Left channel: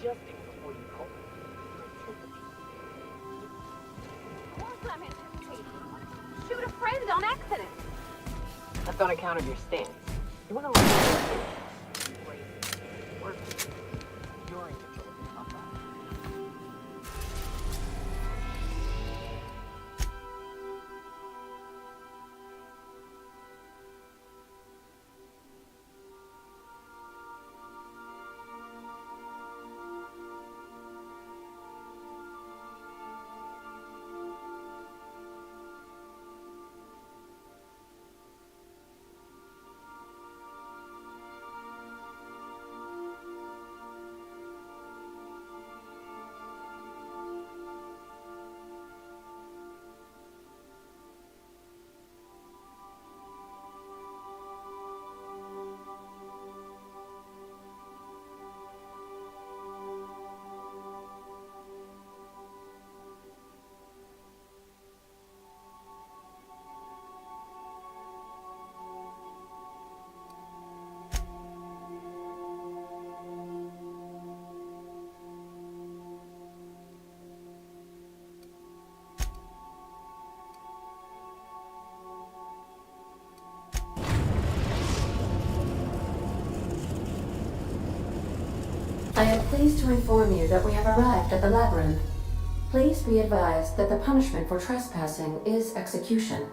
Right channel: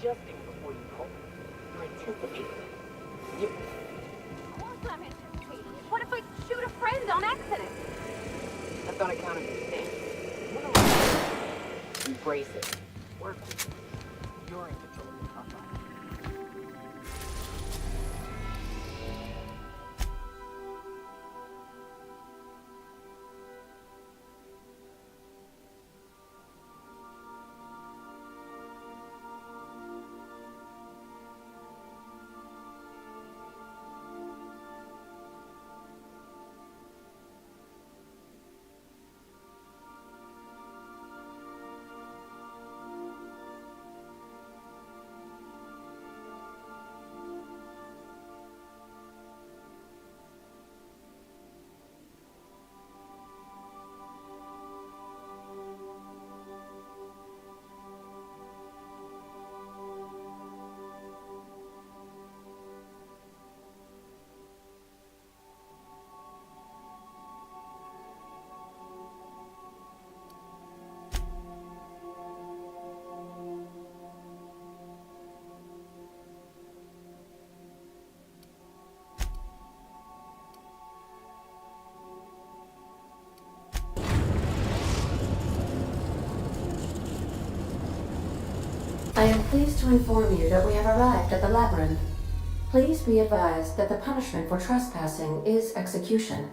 adjusting before you pull. You're anticipating. You... Of course I'm anticipating. What if I shoot a friend on accident? That's on account of your stance. You wanna learn? Embrace it. Work with it. You're in control of your top line. I am pleased to inform you that we have arrived at the labyrinth. Please be advised that the punishment for trespassing is execution.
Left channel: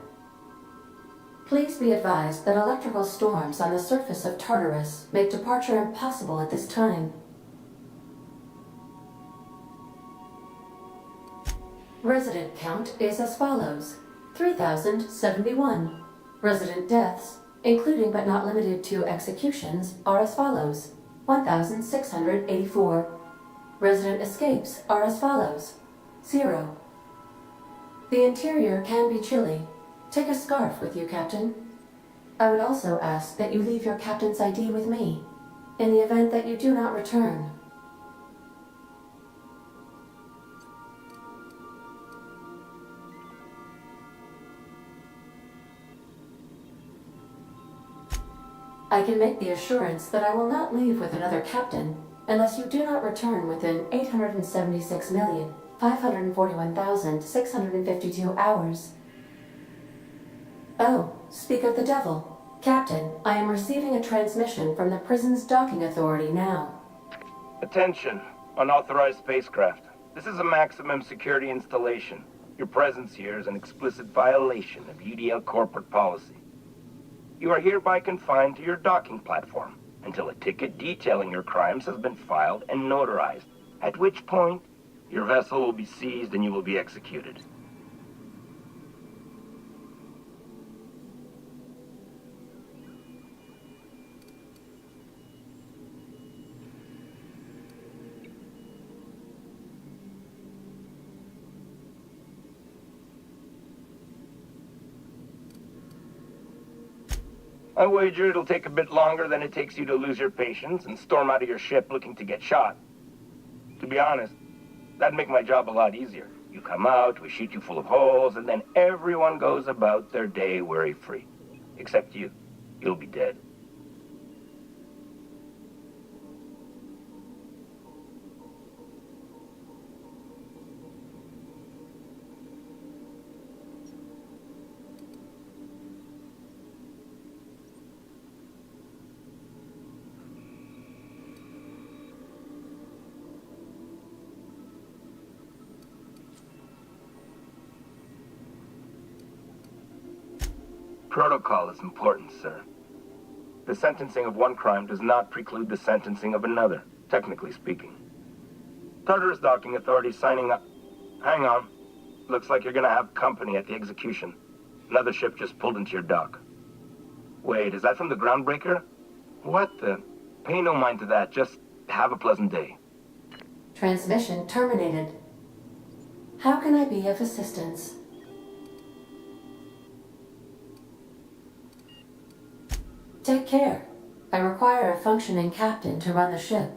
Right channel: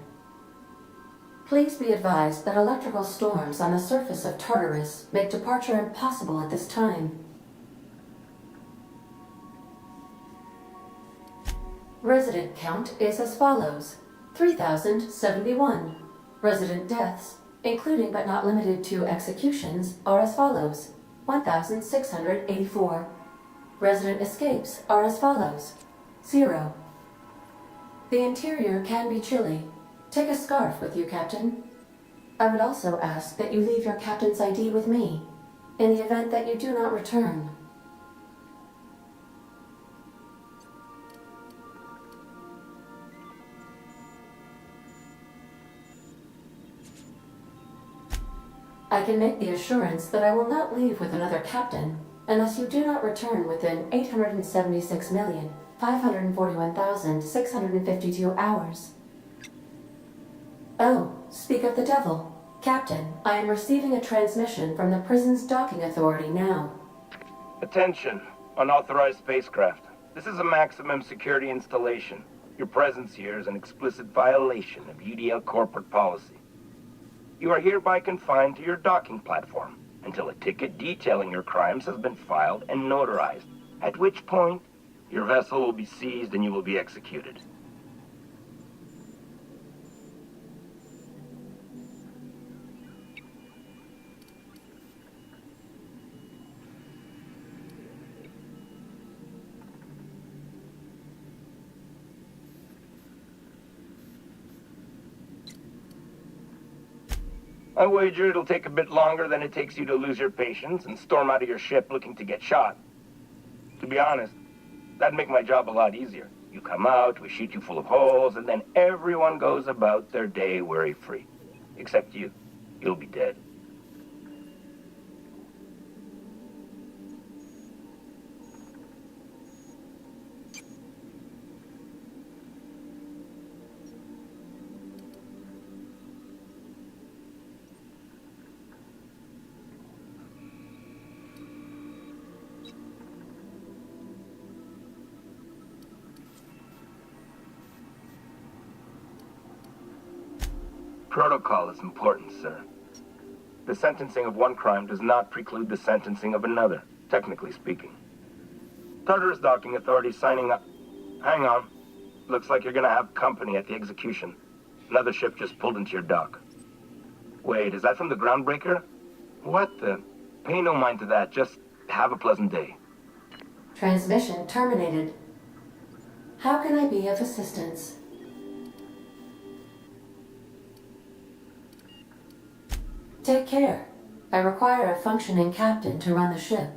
Please be advised that electrical storms on the surface of Tartarus make departure impossible at this time. Resident count is as follows: 3,071. Resident deaths, including but not limited to executions, are as follows: 1,684. Resident escapes are as follows: 0. The interior can be chilly. Take a scarf with you, Captain. I would also ask that you leave your captain's ID with me, in the event that you do not return. I can make the assurance that I will not leave with another captain unless you do not return within 876,541,652 hours. Oh, speak of the devil. Captain, I am receiving a transmission from the prison's docking authority now. Attention, unauthorized spacecraft. This is a maximum security installation. Your presence here is an explicit violation of UDL corporate policy. You are hereby confined to your docking platform until a ticket detailing your crimes has been filed and notarized, at which point your vessel will be seized and you will be executed. I wager it'll take a bit longer than it takes you to lose your patience and storm out of your ship looking to get shot. To be honest, that'd make my job a lot easier. You come out, we shoot you full of holes, and then everyone goes about their day worry-free. Except you. You'll be dead. Protocol is important, sir. The sentencing of one crime does not preclude the sentencing of another, technically speaking. Tartarus Docking Authority signing up. Hang on. Looks like you're gonna have company at the execution. Another ship just pulled into your dock. Wait, is that from the groundbreaker? What the? Pay no mind to that. Just have a pleasant day. Transmission terminated. How can I be of assistance? Take care. I require a functioning captain to run the ship.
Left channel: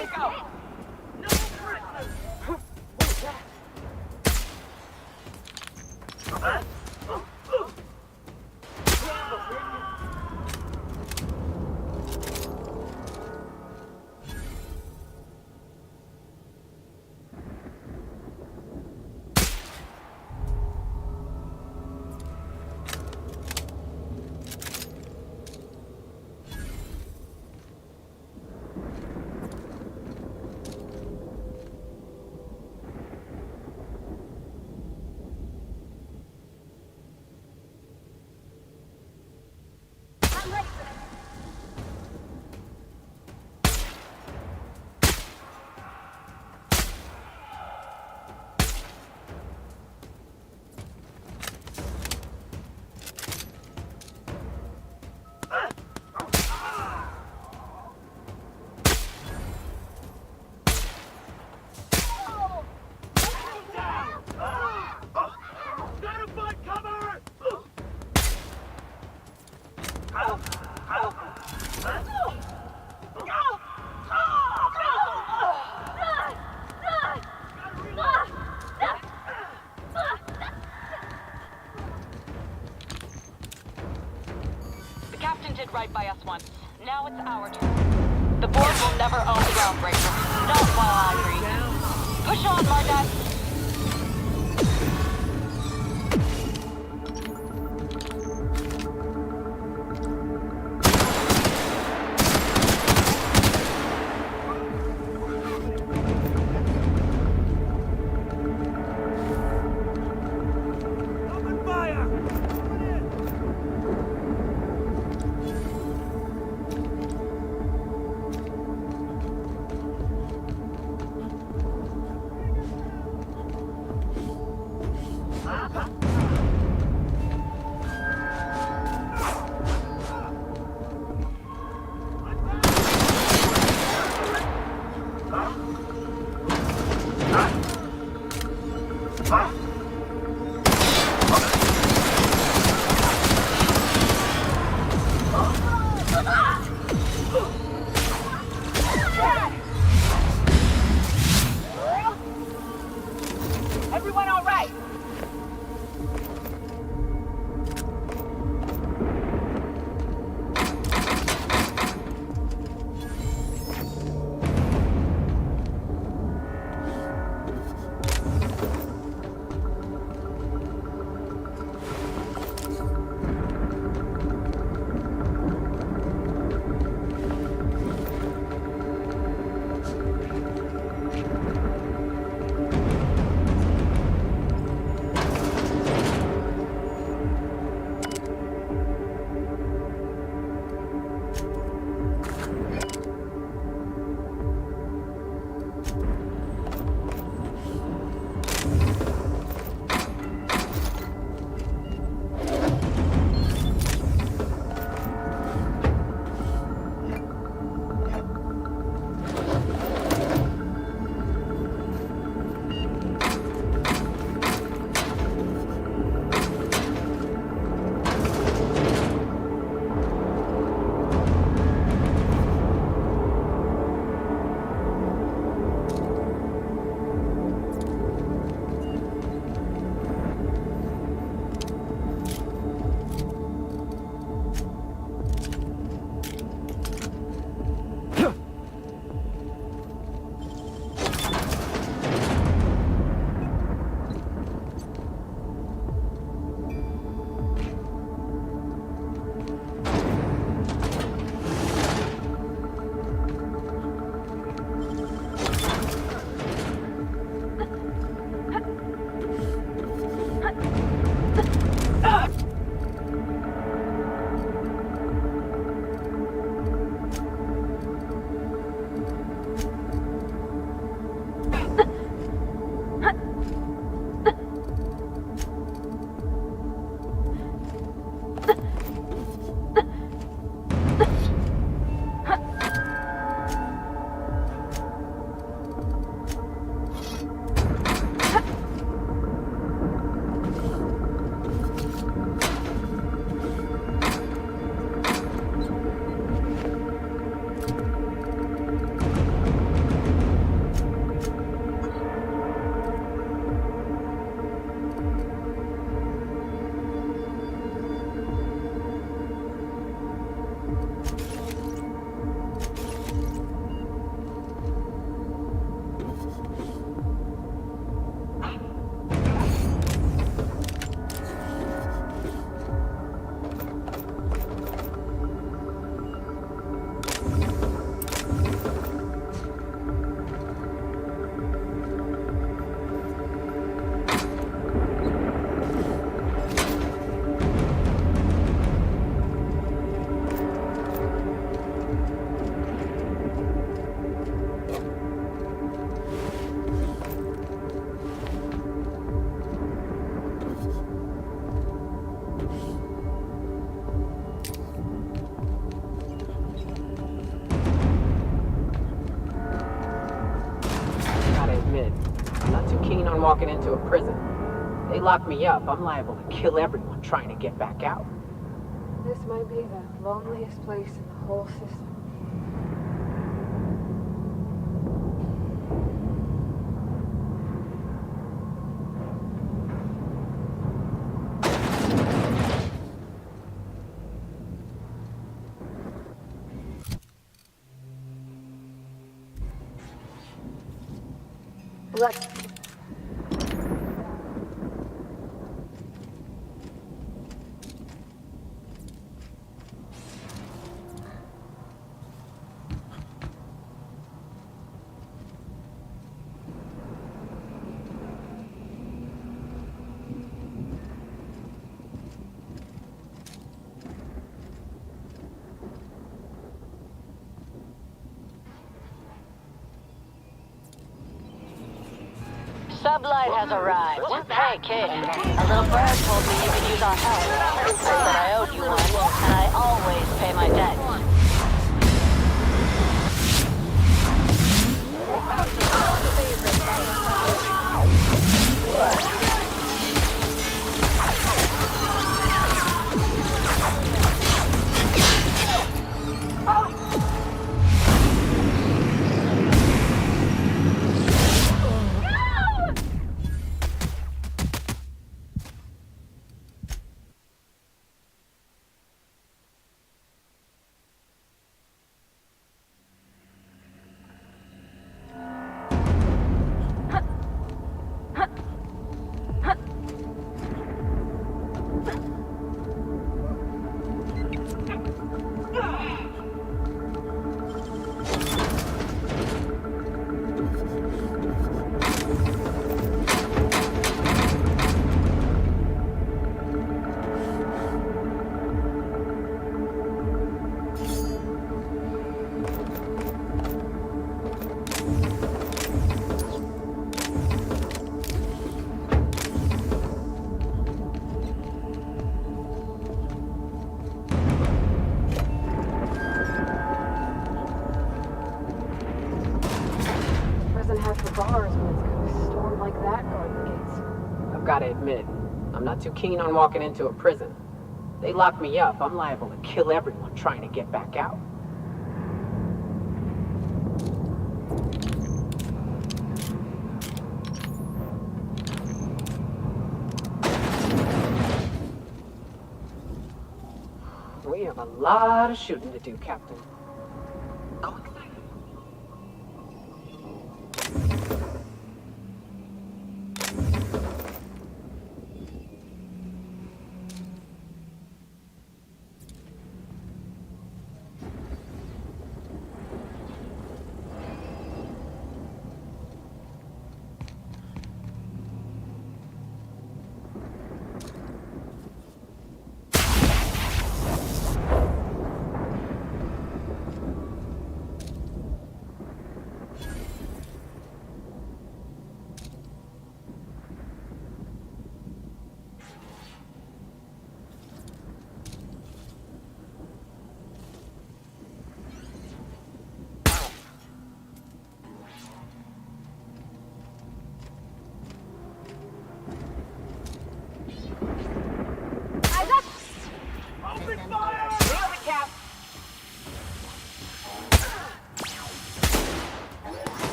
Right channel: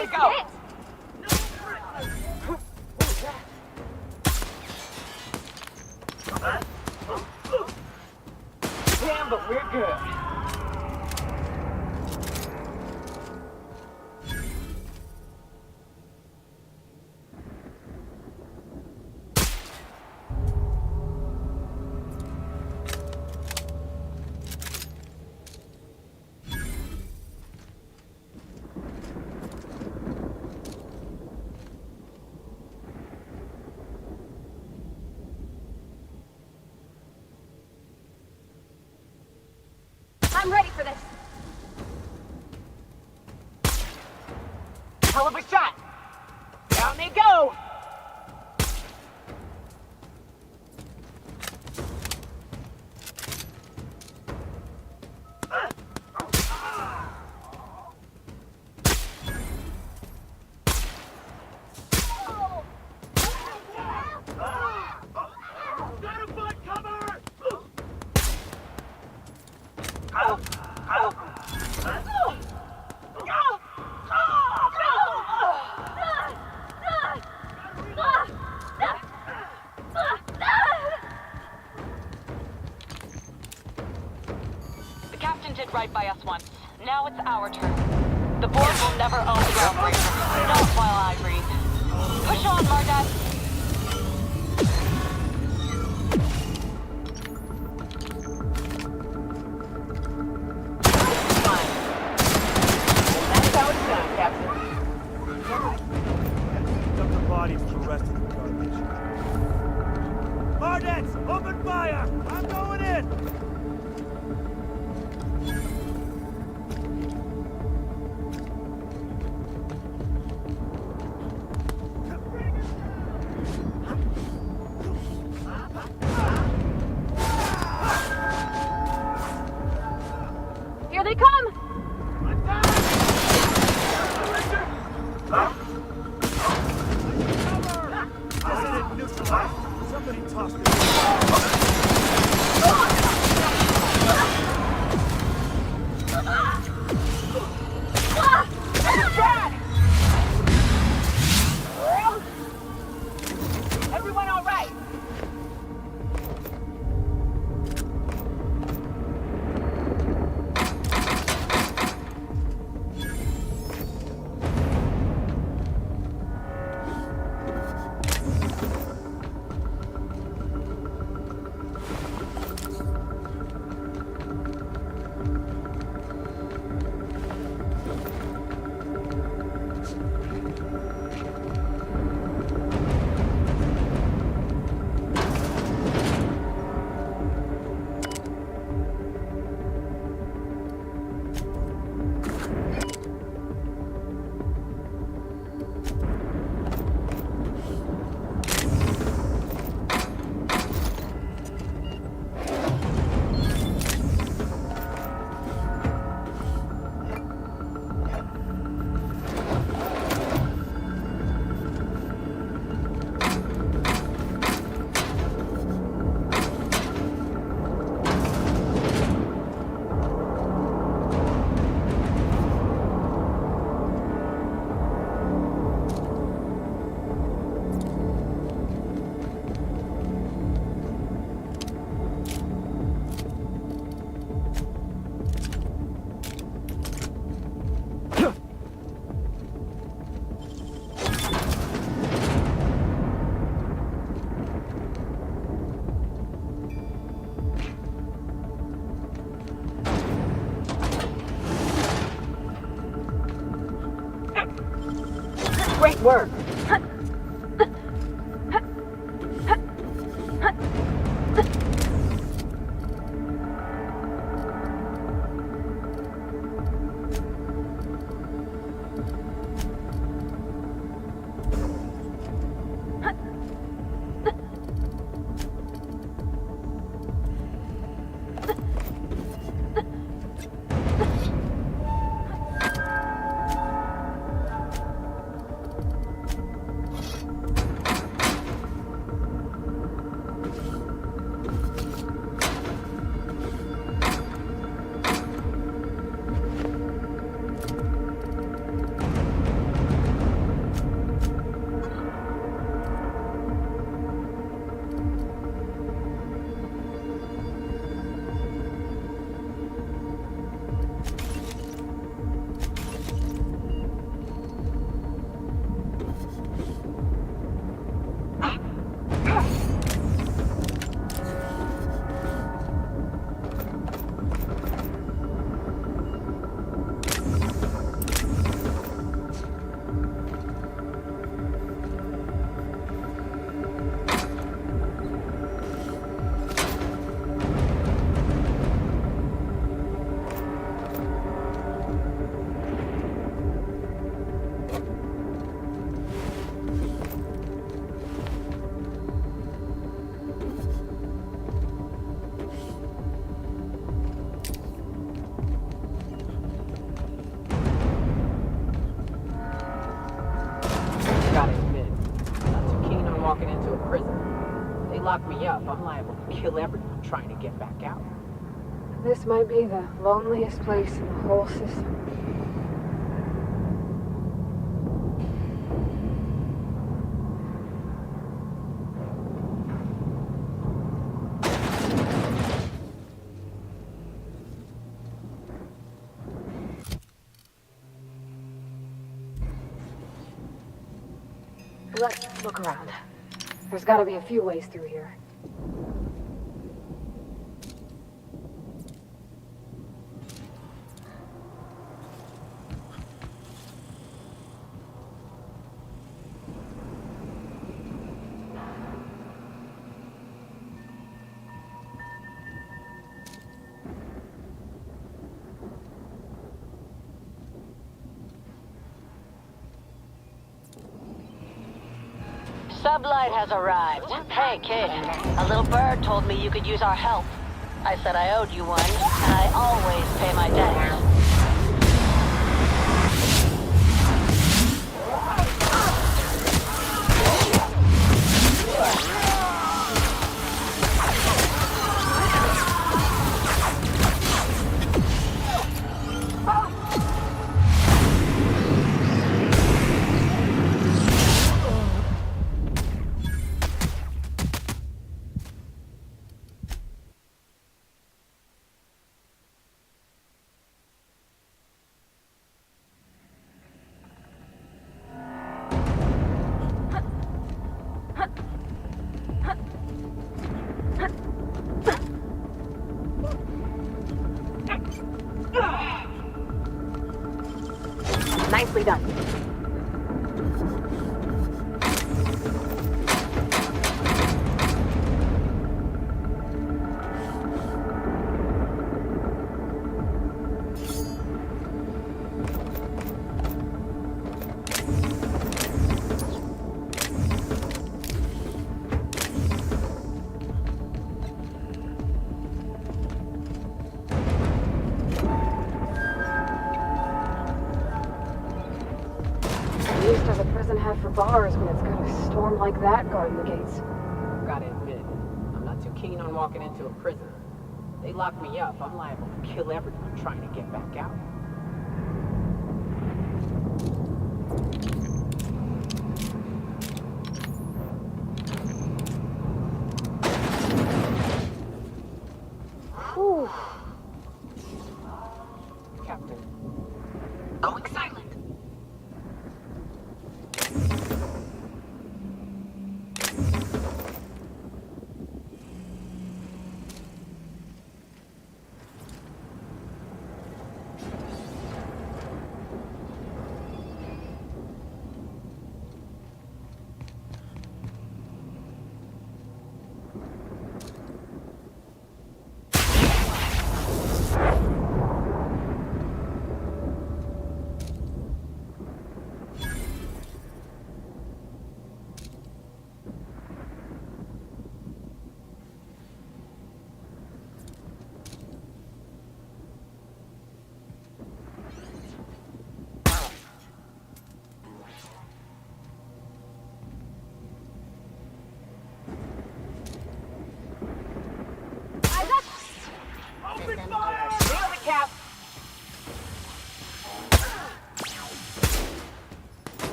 to go. Damn, but we're good. I'm ready for this. Hell of a shot. Down they go. The captain did right by us once. Now it's our turn. The board will never own the groundbreaker. Not while I breathe. Push on, Mardet. Dump the bodies to the rest of the garbage. Hardnets, open fire! I'm going in! walking into a prison. They lock me up, I'm liable to kill everyone trying to get back out. This might be the loneliest place in the whole system. Let's look around. There's gotta be a few ways through here. Sublight has arrived. Hey, kid. A little bird told me you could use our help. I said I owed you one, and I always pay my debts. Nicely done. For bars when it's got a storm like that guarding the gates. I've got to admit, I'm not too keen on walking into a prison. They lock me up, I'm liable to kill everyone trying to get back out. Whew. We have a lot of shooting to do, Captain. Going silent.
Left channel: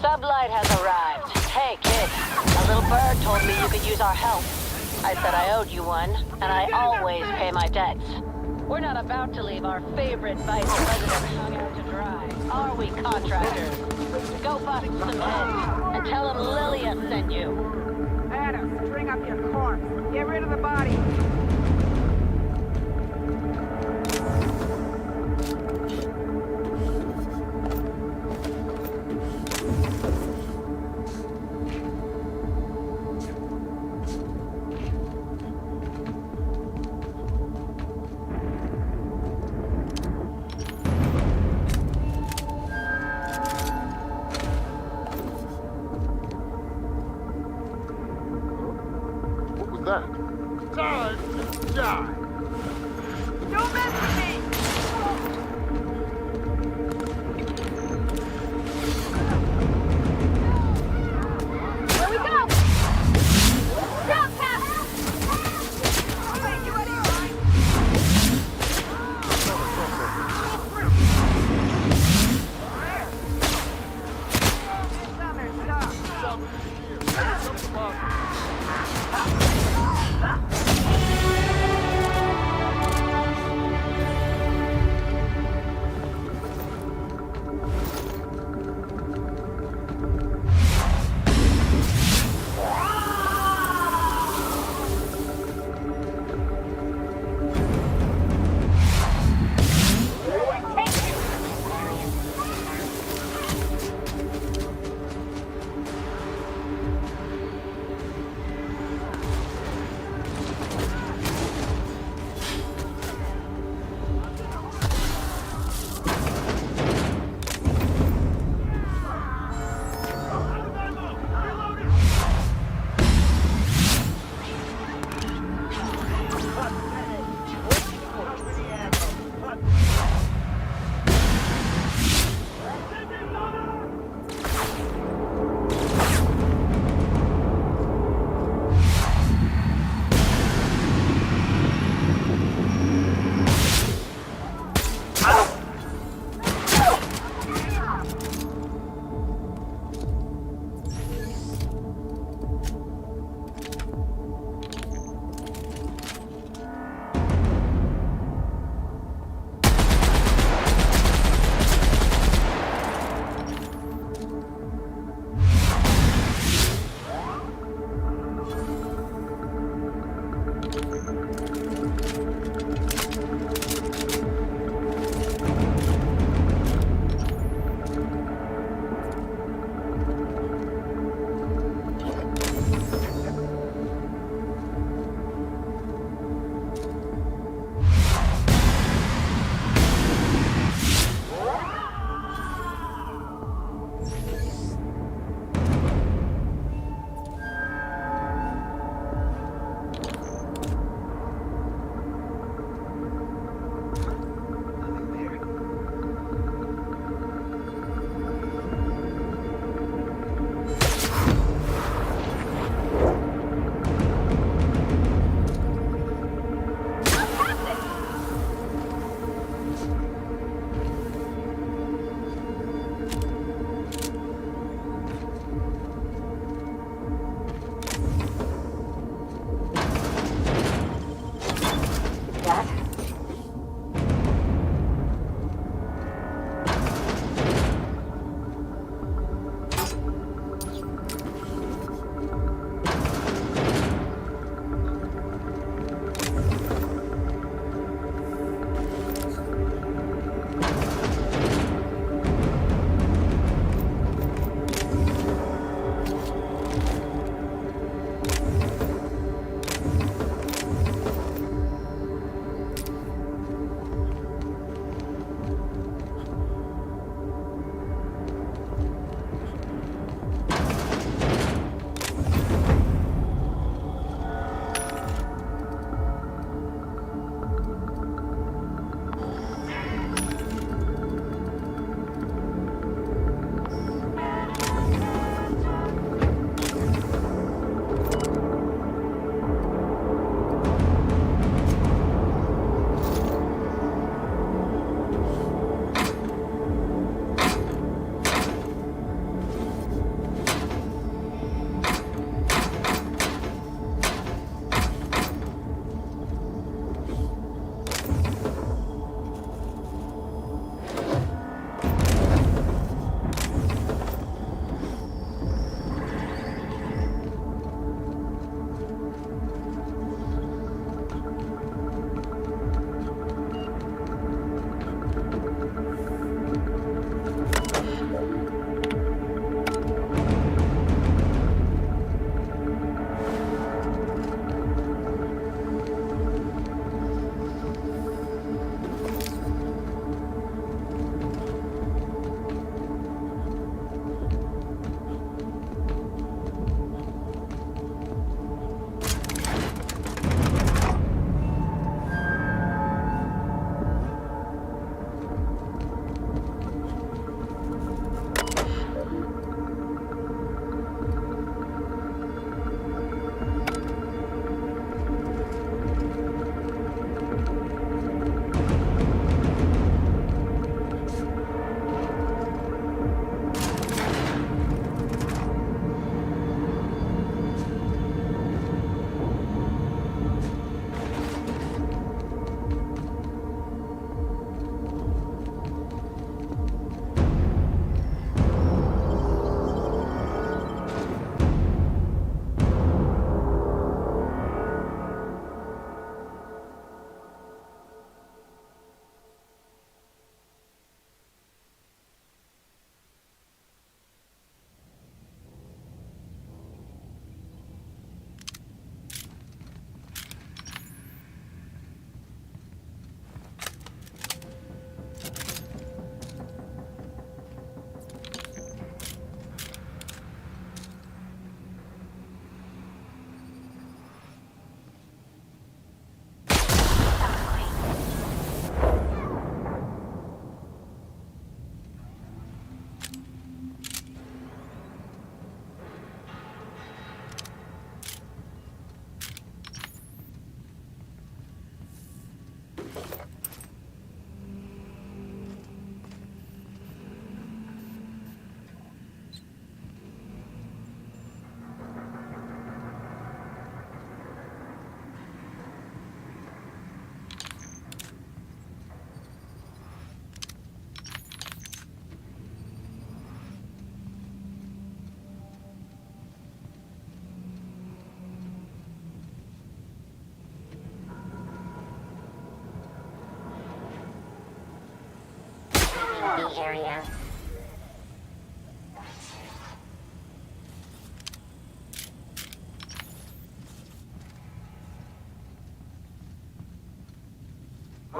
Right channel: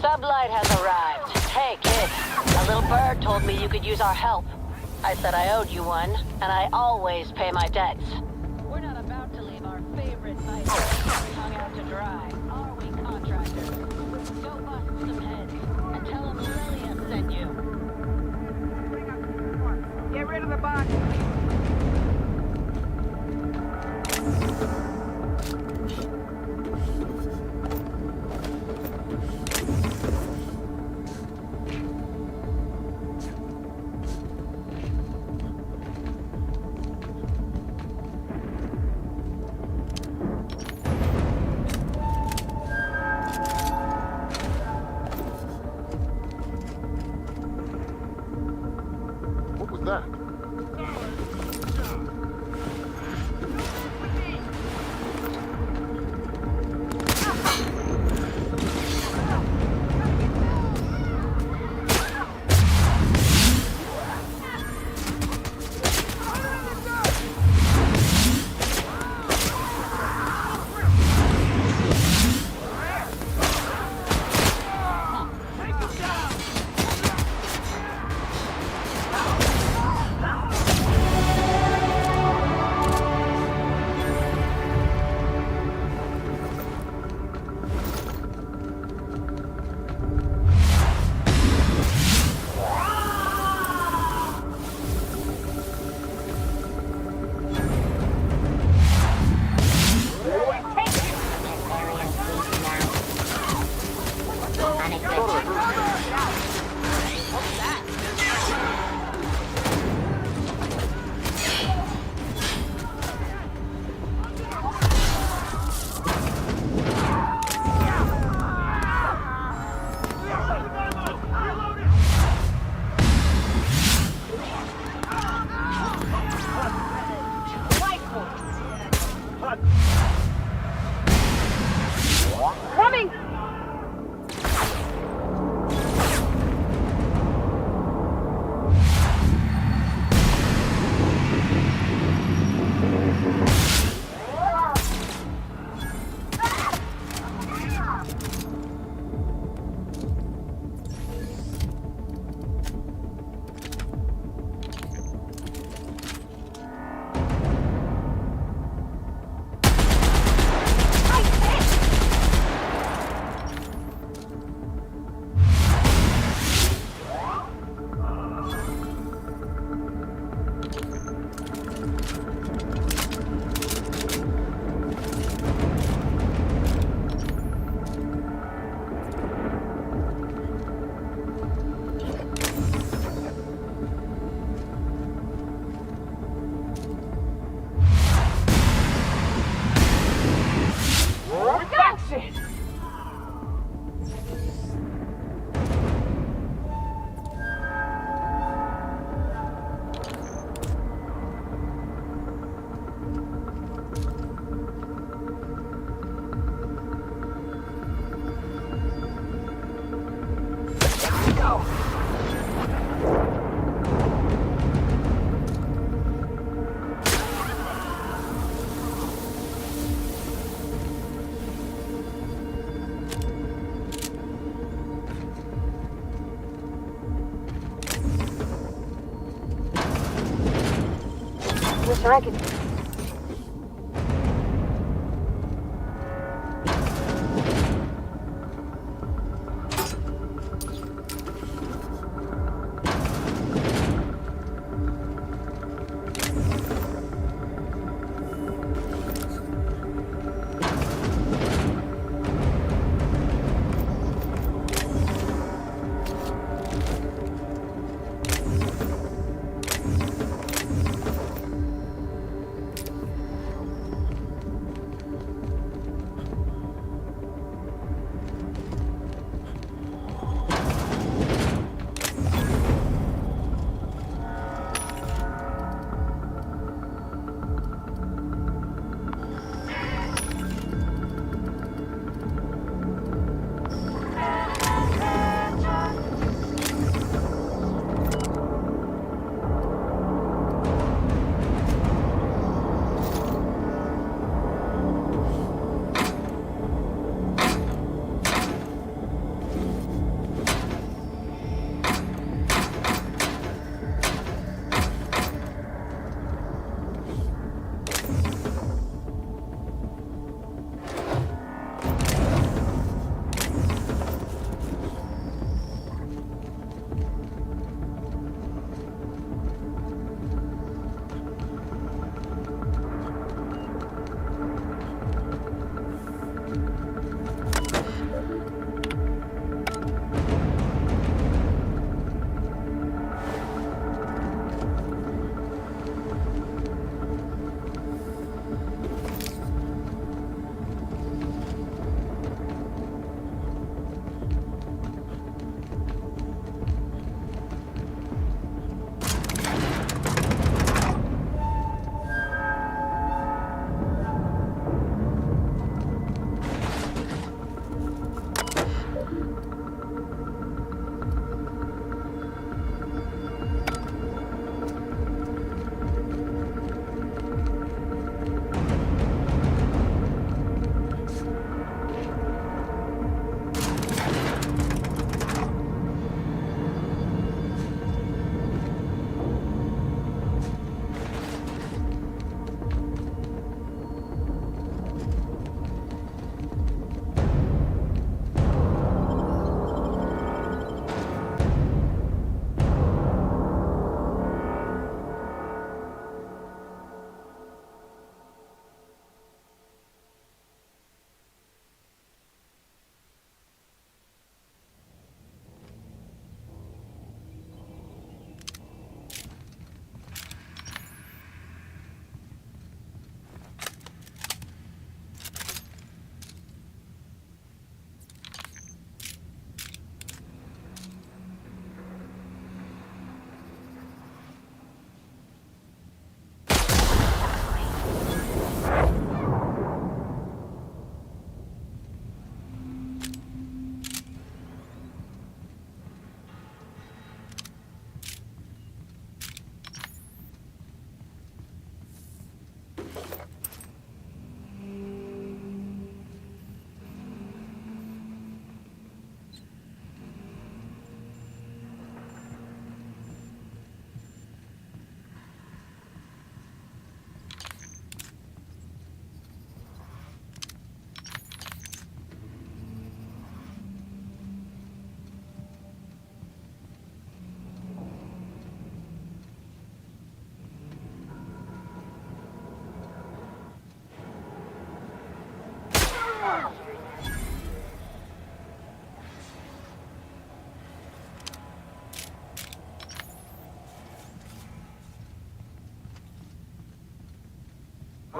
Sublight has arrived. Hey, kid. A little bird told me you could use our help. I said I owed you one, and I always pay my debts. We're not about to leave our favorite vice president hung out to dry, are we, contractors? Go bust some heads, and tell them Lilia sent you. Adam, bring up your corpse. Get rid of the body. that? Time to die. Don't mess with me! I get that.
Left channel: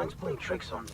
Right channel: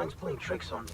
mind's playing tricks on me.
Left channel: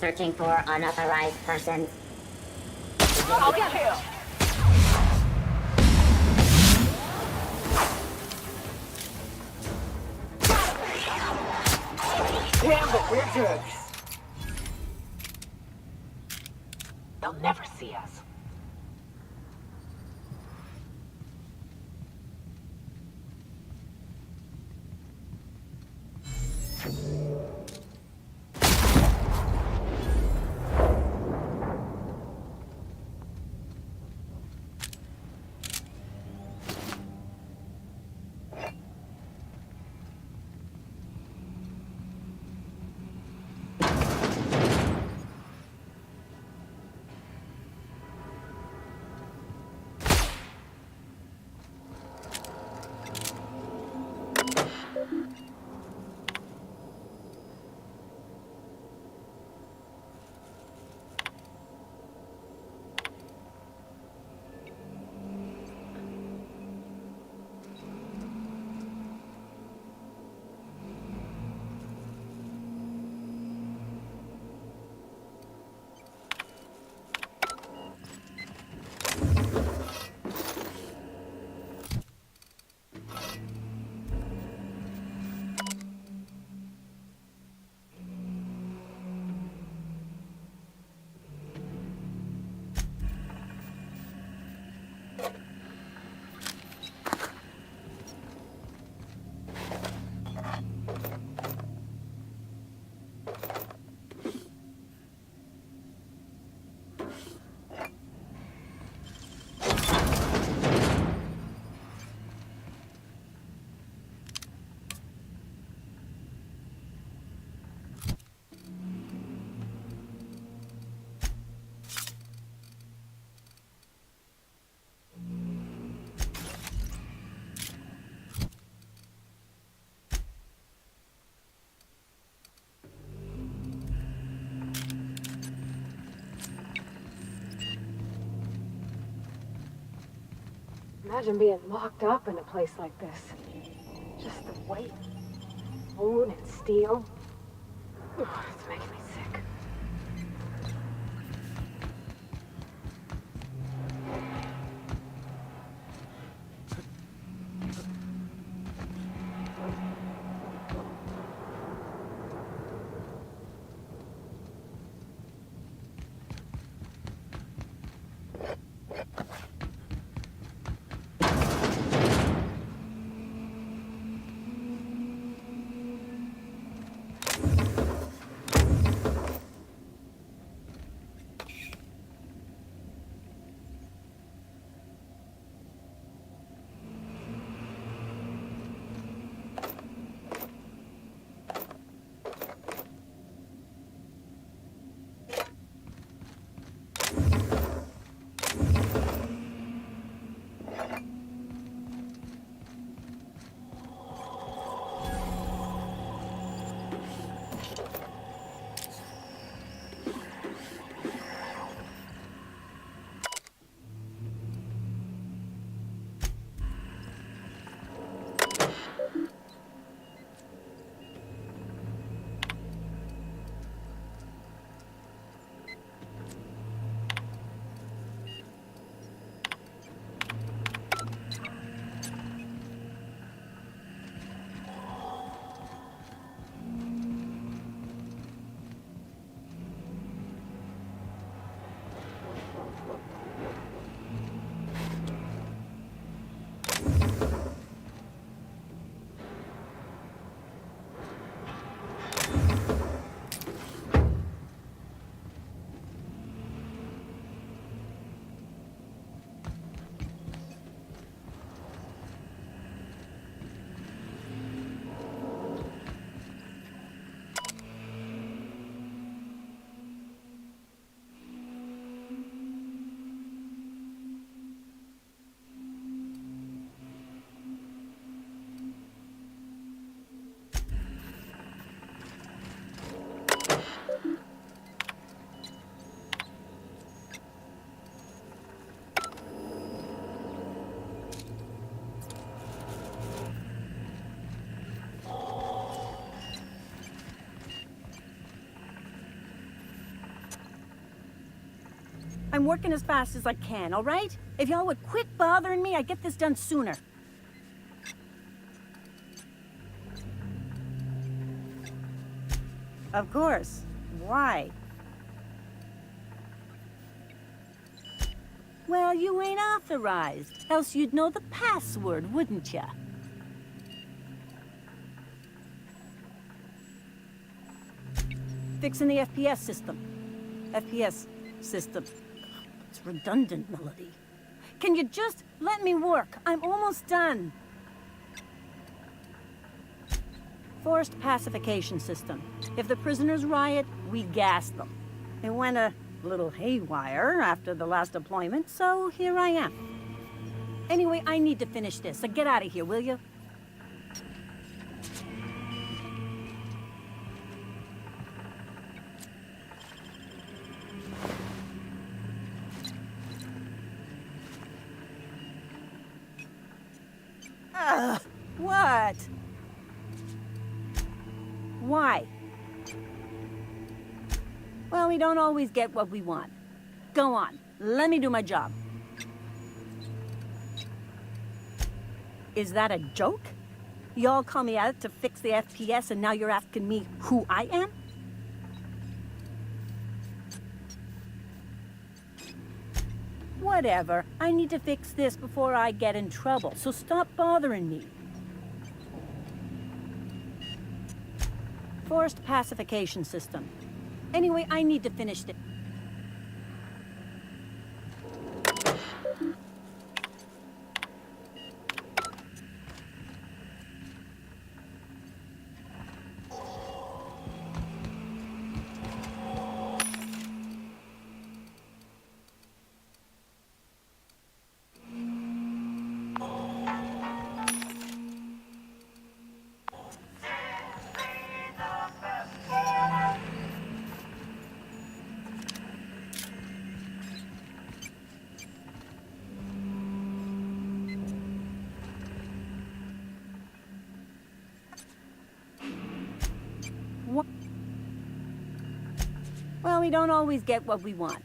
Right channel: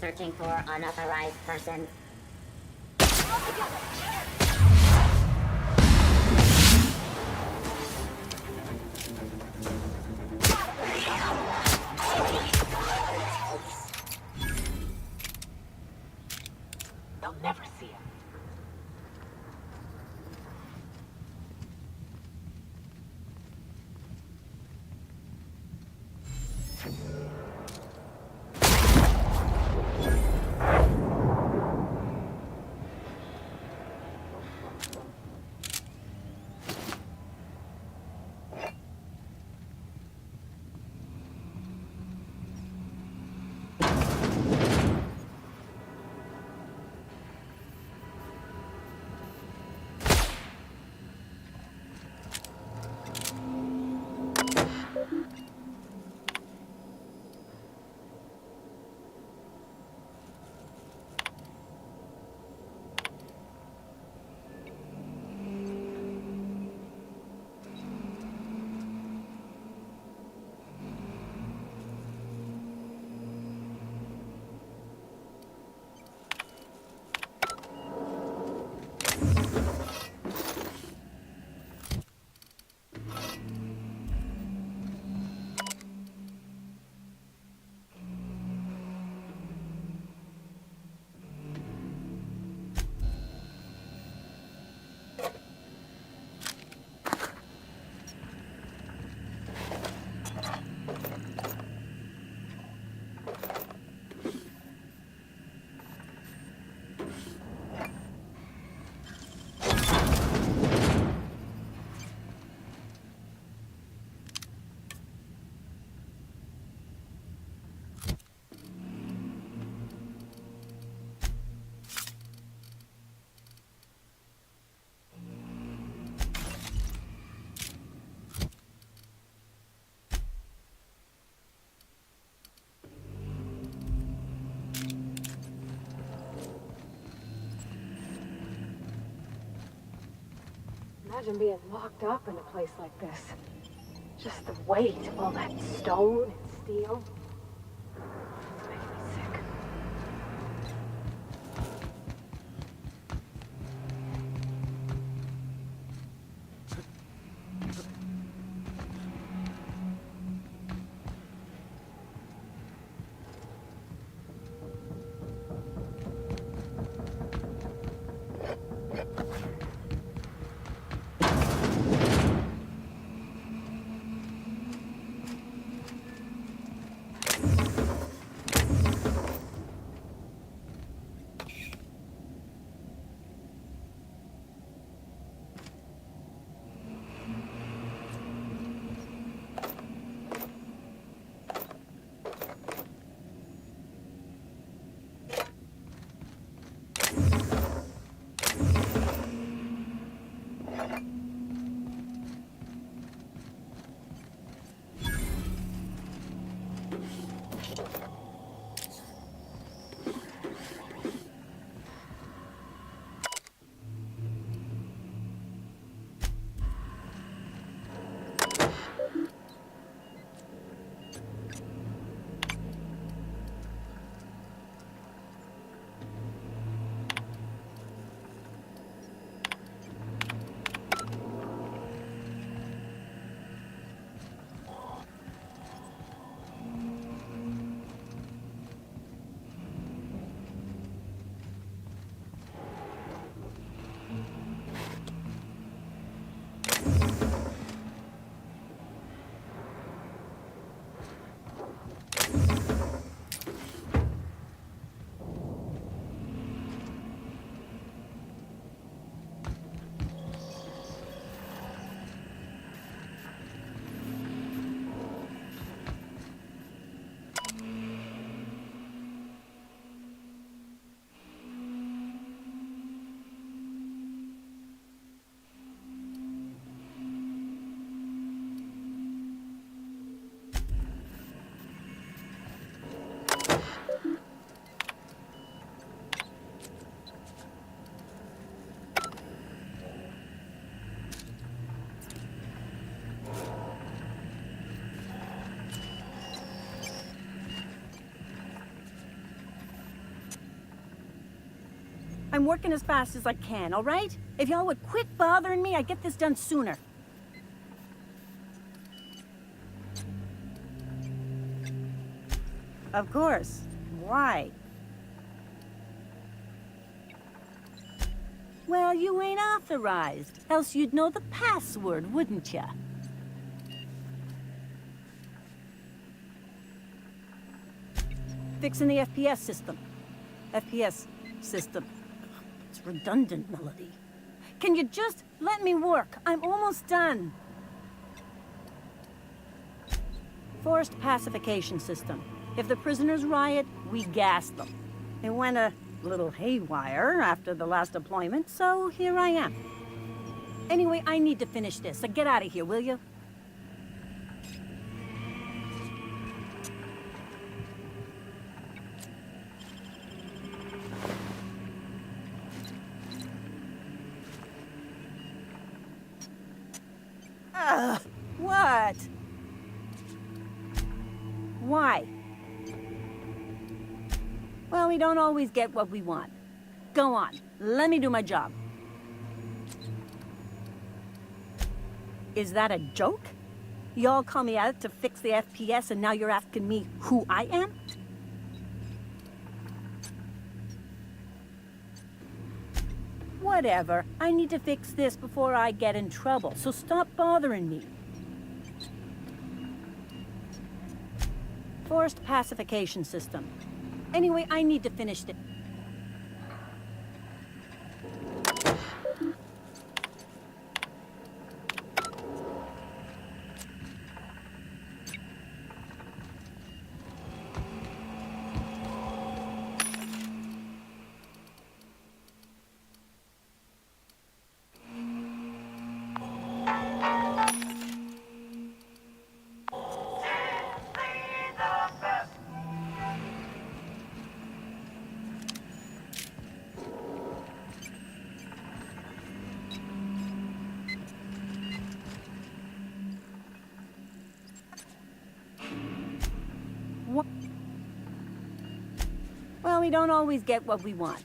Searching for unauthorized persons. I'll get here. They'll never see us. Imagine being locked up in a place like this. Just the weight of all that stone and steel. It's making me sick. I'm working as fast as I can, all right? If y'all would quit bothering me, I'd get this done sooner. Of course. Why? Well, you ain't authorized, else you'd know the password, wouldn't ya? Fixing the FPS system. FPS system. It's redundant, Melody. Can you just let me work? I'm almost done. Forced pacification system. If the prisoners riot, we gas them. It went a little haywire after the last deployment, so here I am. Anyway, I need to finish this, so get out of here, will you? What? Why? Well, we don't always get what we want. Go on, let me do my job. Is that a joke? Y'all call me out to fix the FPS and now you're asking me who I am? Whatever. I need to fix this before I get in trouble, so stop bothering me. Forced pacification system. Anyway, I need to finish this. Well, we don't always get what we want.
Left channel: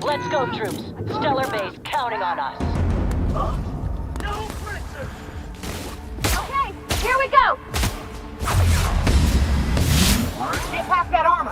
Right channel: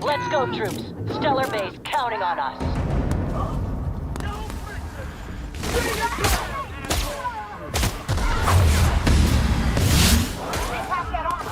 Let's go, troops. Stellar Base counting on us. Okay, here we go! Stay past that armor!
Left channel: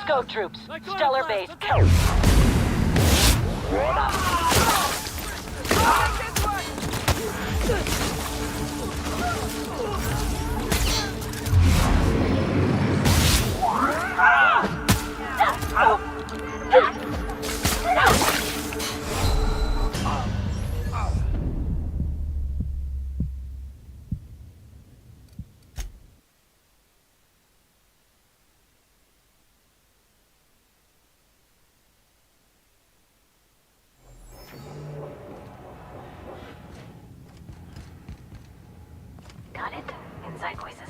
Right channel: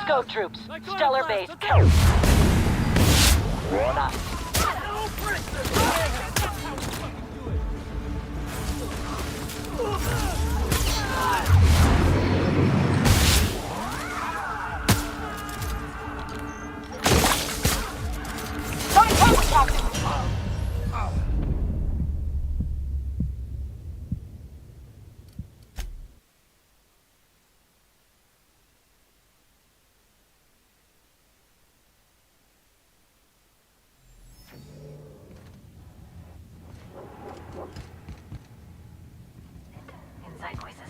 Let's go, troops. Like on Stellar blast, base. let's go. Got it? Inside voices.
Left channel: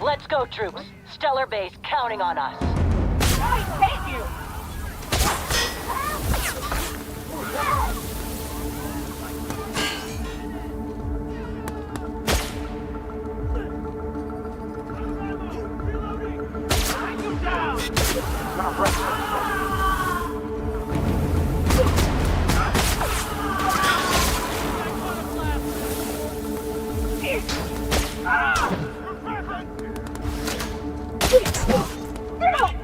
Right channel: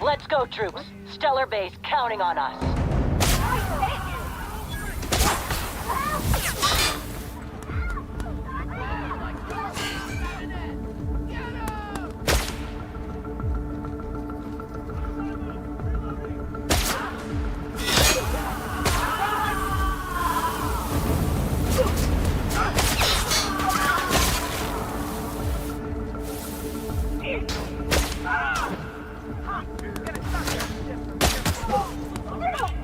Let's go, troops. Stellar base counting on us. Thank you. Reloading.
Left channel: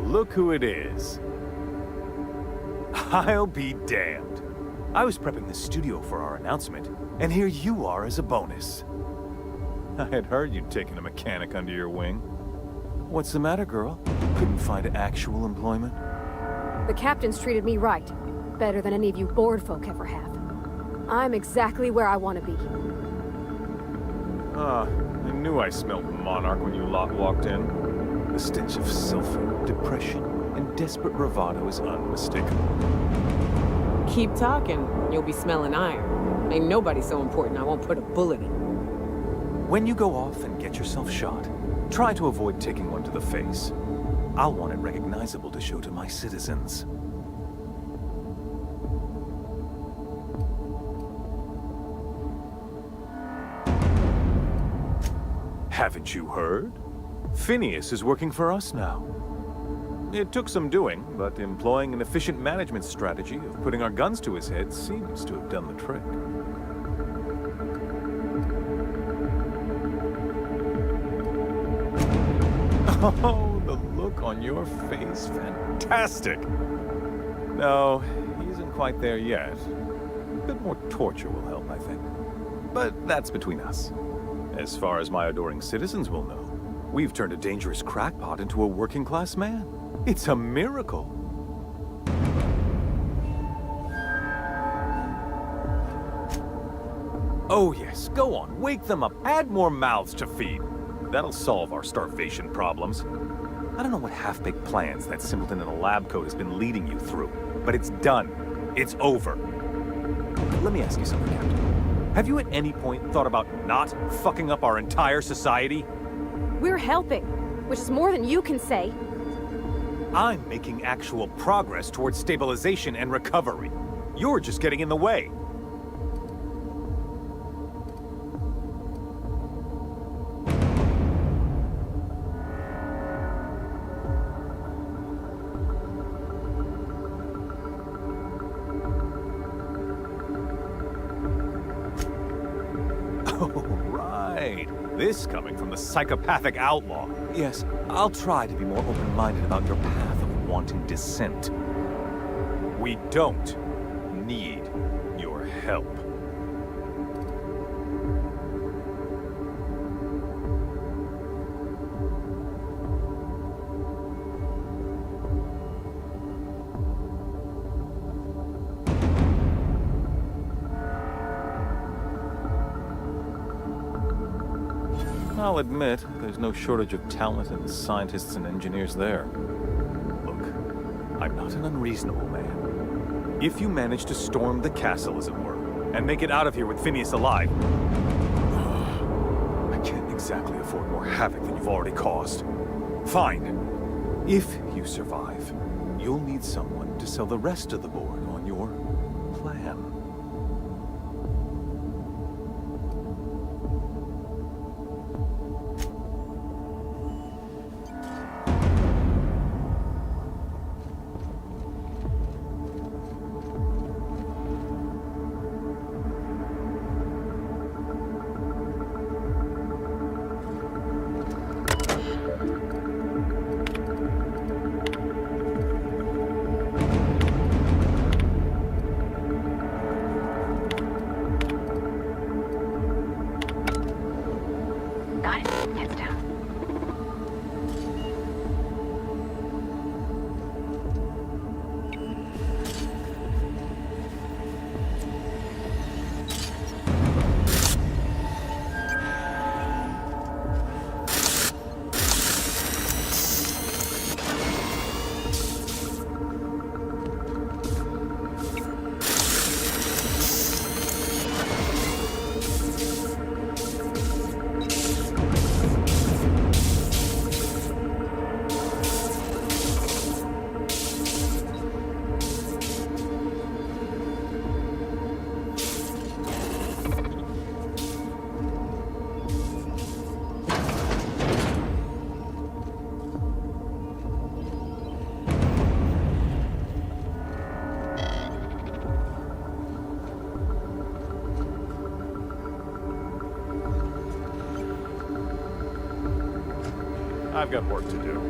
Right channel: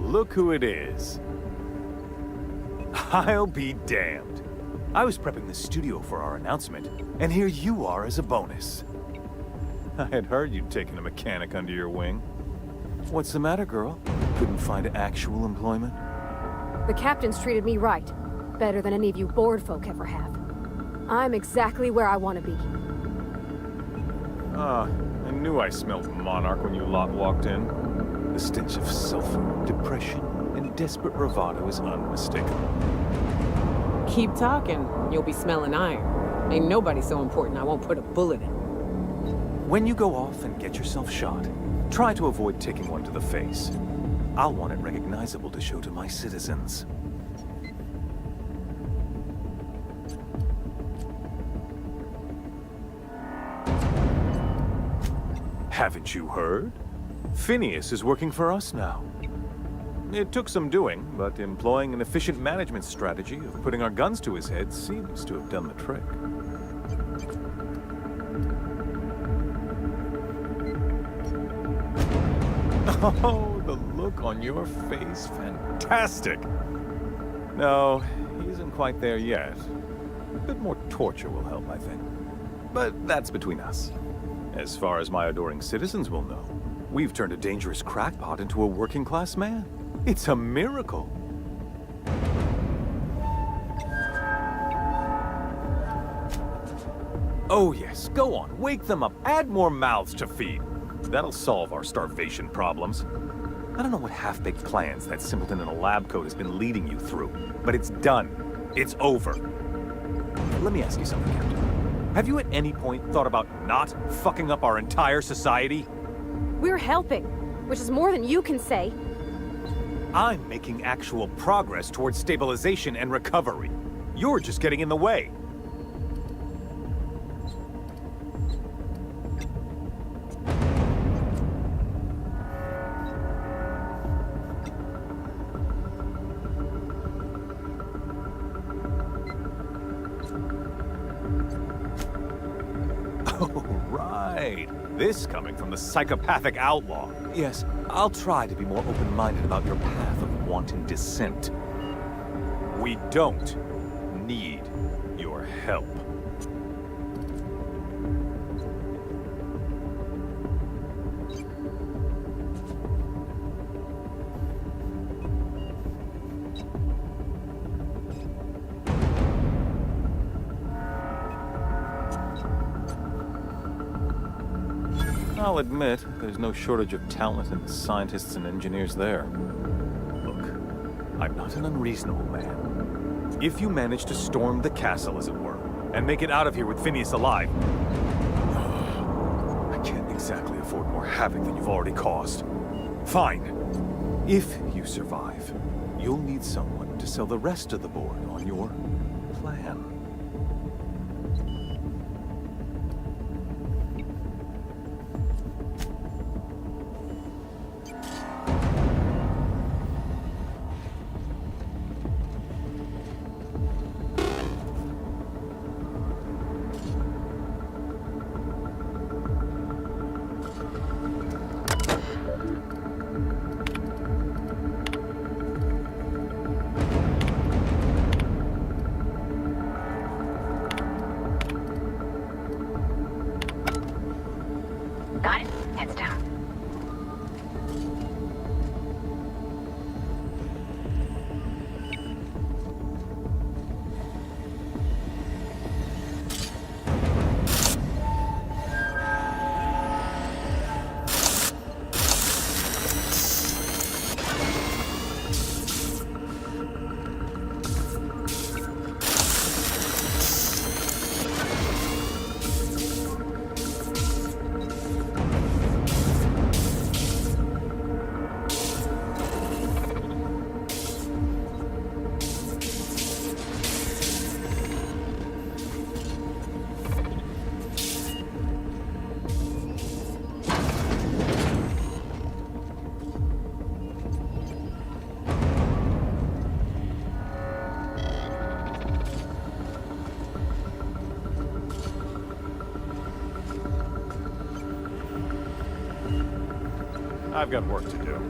look who it is. I'll be damned. I was prepping the studio for our announcement, and here you are as a bonus. I had heard you'd taken a mechanic under your wing. What's the matter, girl? Couldn't find actual employment? The captain's treated me right. Better than any of you bored folk ever have. I'm exactly where I want to be. Ah, I knew I smelled Monarch when you lot walked in. The stench of sulfur, depression, and desperate bravado is unmistakable. Keep talking, you'll be smelling iron. Ain't nobody so important I won't put a bullet in. When you go off and get yourself shot, try to avoid taking one to the face. I'll want it recognizable to show to my citizens. Haven't you heard? Phineas is working for us now. It took some doing, but employing an efficient management strategy of putting our guns to his head seems to have done the trick. Oh, the look on your face, fantastic! No, he isn't quite there yet. A bit more torture will help, I think. But that's between us. As far as my adoring citizens will know, we've turned a dangerous crackpot into a working-class man. It's a miracle. Oh yes, go on, wake them up, add more mouths to feed. That'll solve our starvation problems. I don't know what half-baked plans that simpleton in a lab coat has been leading you through, but it's done. It's over. Let me ask you something, Captain. Have you at any point thought about not fucking up our entire society? We're helping, which is more than you can say. I'm making actual progress towards stabilization and recovery. You're just getting in the way. Oh, right. This coming from the psychopathic outlaw. Yes, I'll try to be more open-minded about your path of wanton dissent. We don't need your help. I'll admit, there's no shortage of talent in the scientists and engineers there. Look, I'm not an unreasonable man. If you manage to storm the castle, as it were, and make it out of here with Phineas alive, I can't exactly afford more havoc than you've already caused. Fine. If you survive, you'll need someone to sell the rest of the board on your plan. Got it. Heads down. I've got work to do.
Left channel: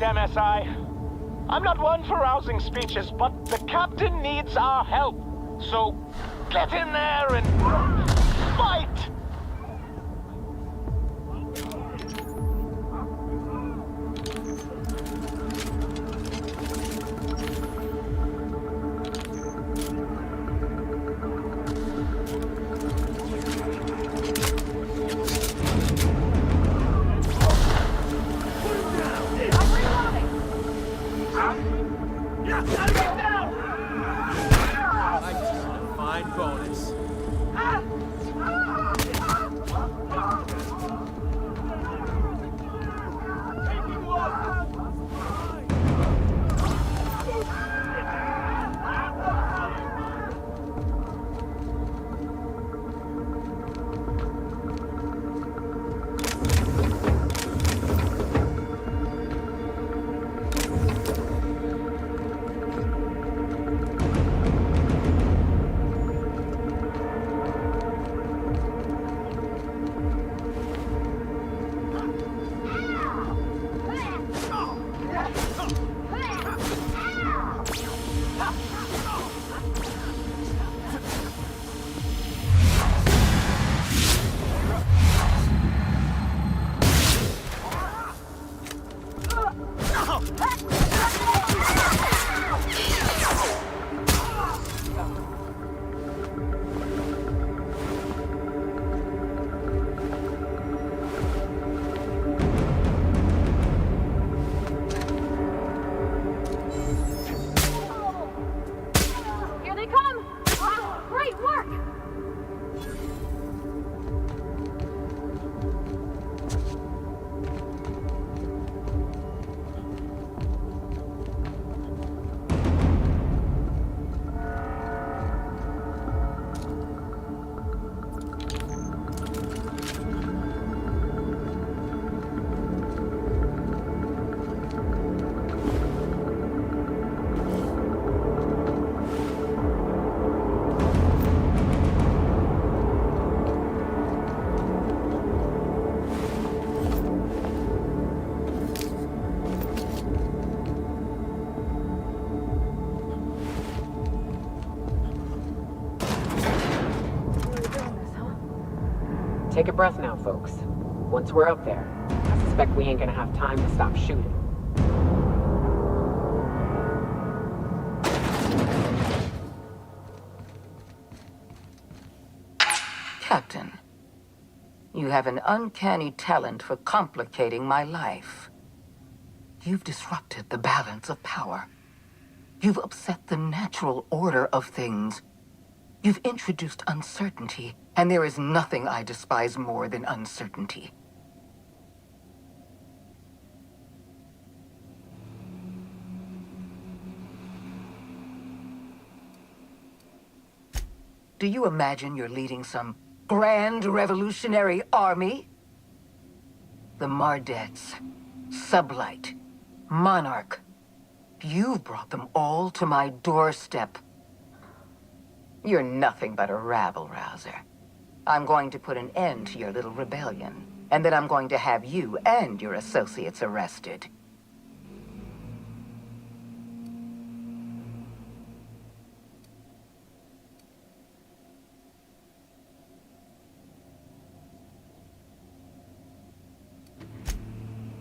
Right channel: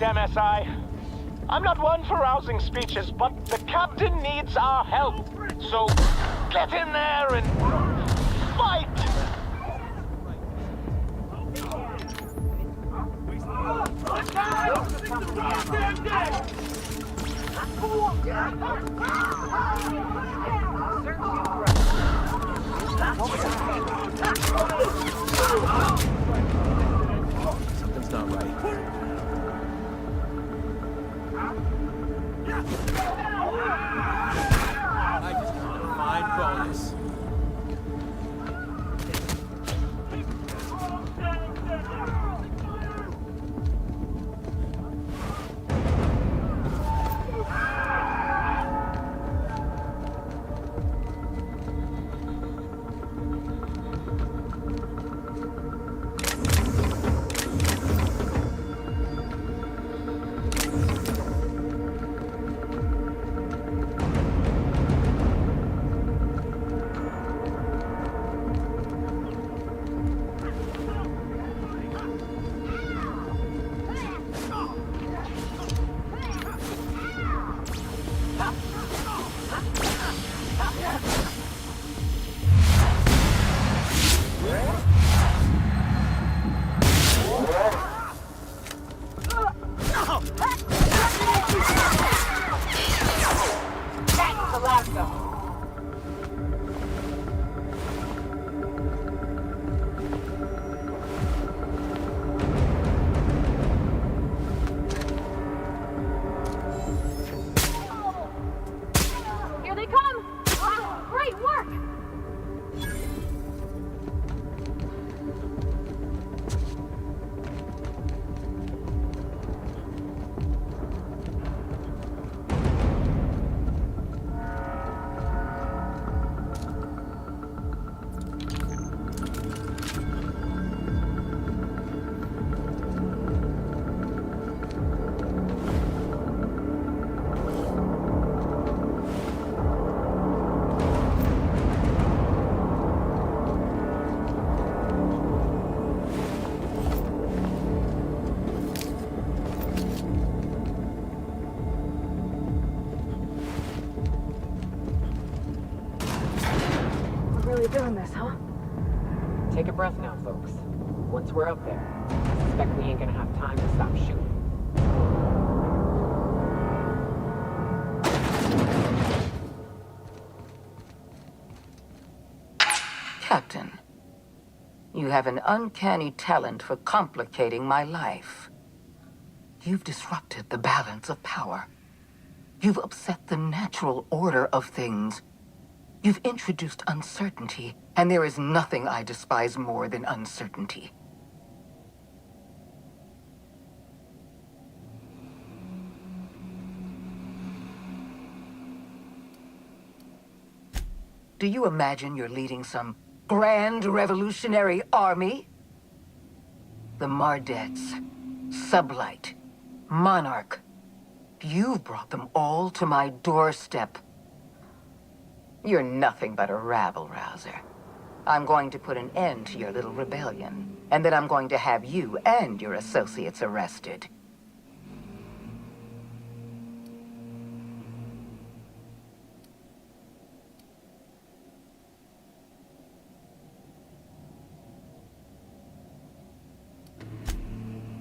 right, MSI. I'm not one for rousing speeches, but the captain needs our help. So, get in there and fight! I just earned a fine bonus. Here they come! Wow, great work! Really doing this, huh? Take a breath now, folks. Once we're up there, I suspect we ain't gonna have time to stop shooting. Captain, you have an uncanny talent for complicating my life. You've disrupted the balance of power. You've upset the natural order of things. You've introduced uncertainty, and there is nothing I despise more than uncertainty. Do you imagine you're leading some grand revolutionary army? The Mardets, Sublight, Monarch. You've brought them all to my doorstep. You're nothing but a rabble-rouser. I'm going to put an end to your little rebellion, and then I'm going to have you and your associates arrested.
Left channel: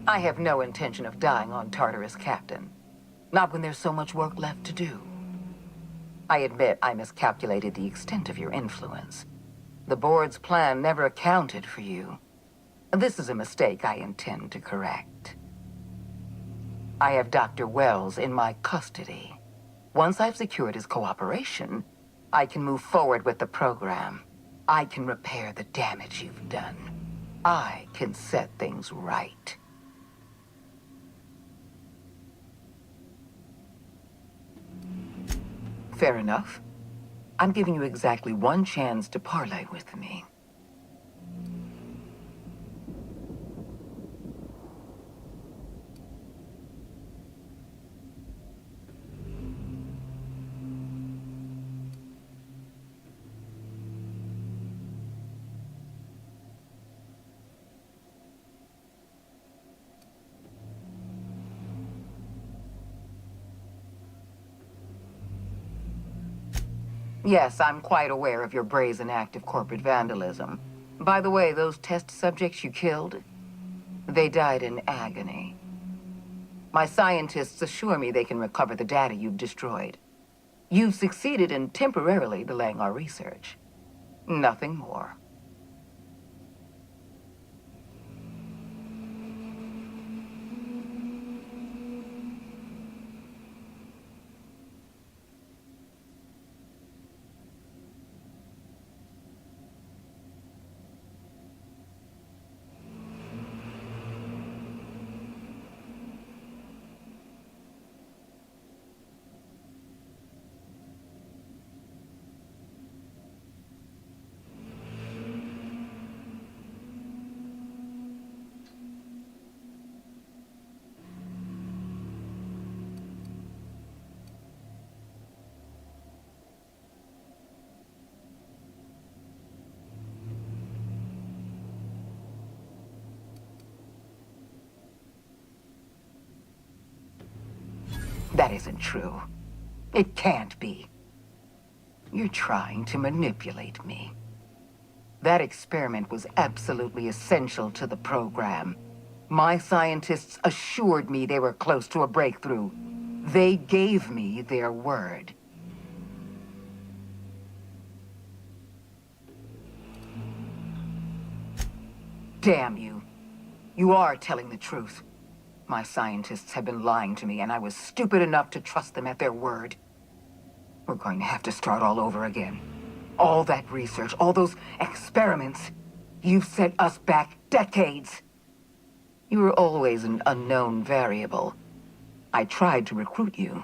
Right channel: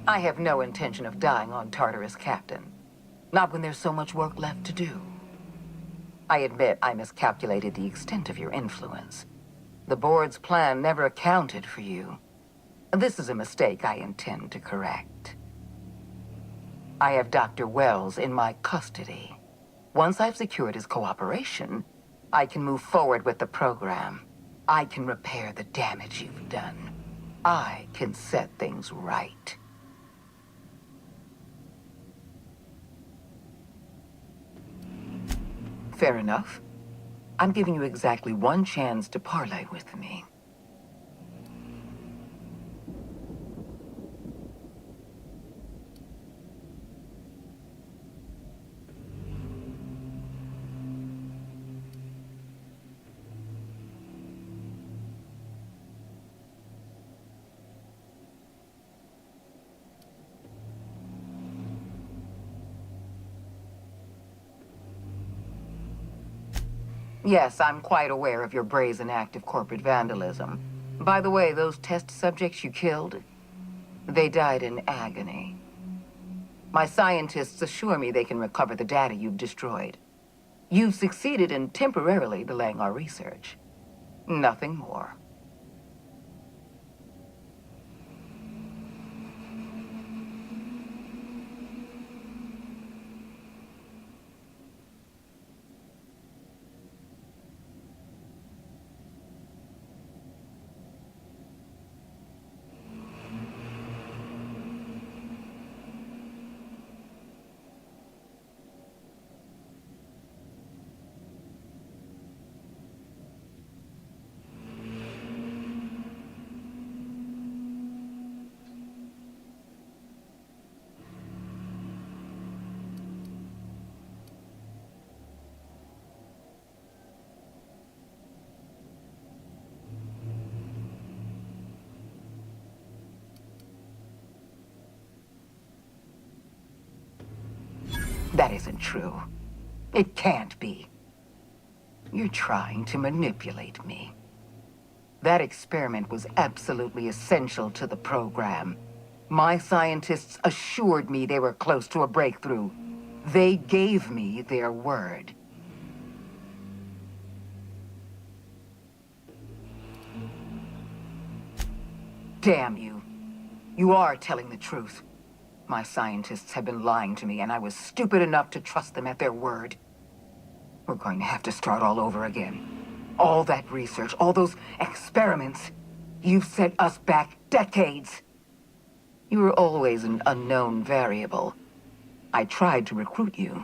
I have no intention of dying on Tartarus, Captain. Not when there's so much work left to do. I admit I miscalculated the extent of your influence. The board's plan never accounted for you. This is a mistake I intend to correct. I have Dr. Wells in my custody. Once I've secured his cooperation, I can move forward with the program. I can repair the damage you've done. I can set things right. Fair enough. I'm giving you exactly one chance to parley with me. Yes, I'm quite aware of your brazen act of corporate vandalism. By the way, those test subjects you killed, they died in agony. My scientists assure me they can recover the data you've destroyed. You've succeeded in temporarily delaying our research. Nothing more. That isn't true. It can't be. You're trying to manipulate me. That experiment was absolutely essential to the program. My scientists assured me they were close to a breakthrough. They gave me their word. Damn you. You are telling the truth. My scientists have been lying to me, and I was stupid enough to trust them at their word. We're going to have to start all over again. All that research, all those experiments, you've set us back decades. You were always an unknown variable. I tried to recruit you,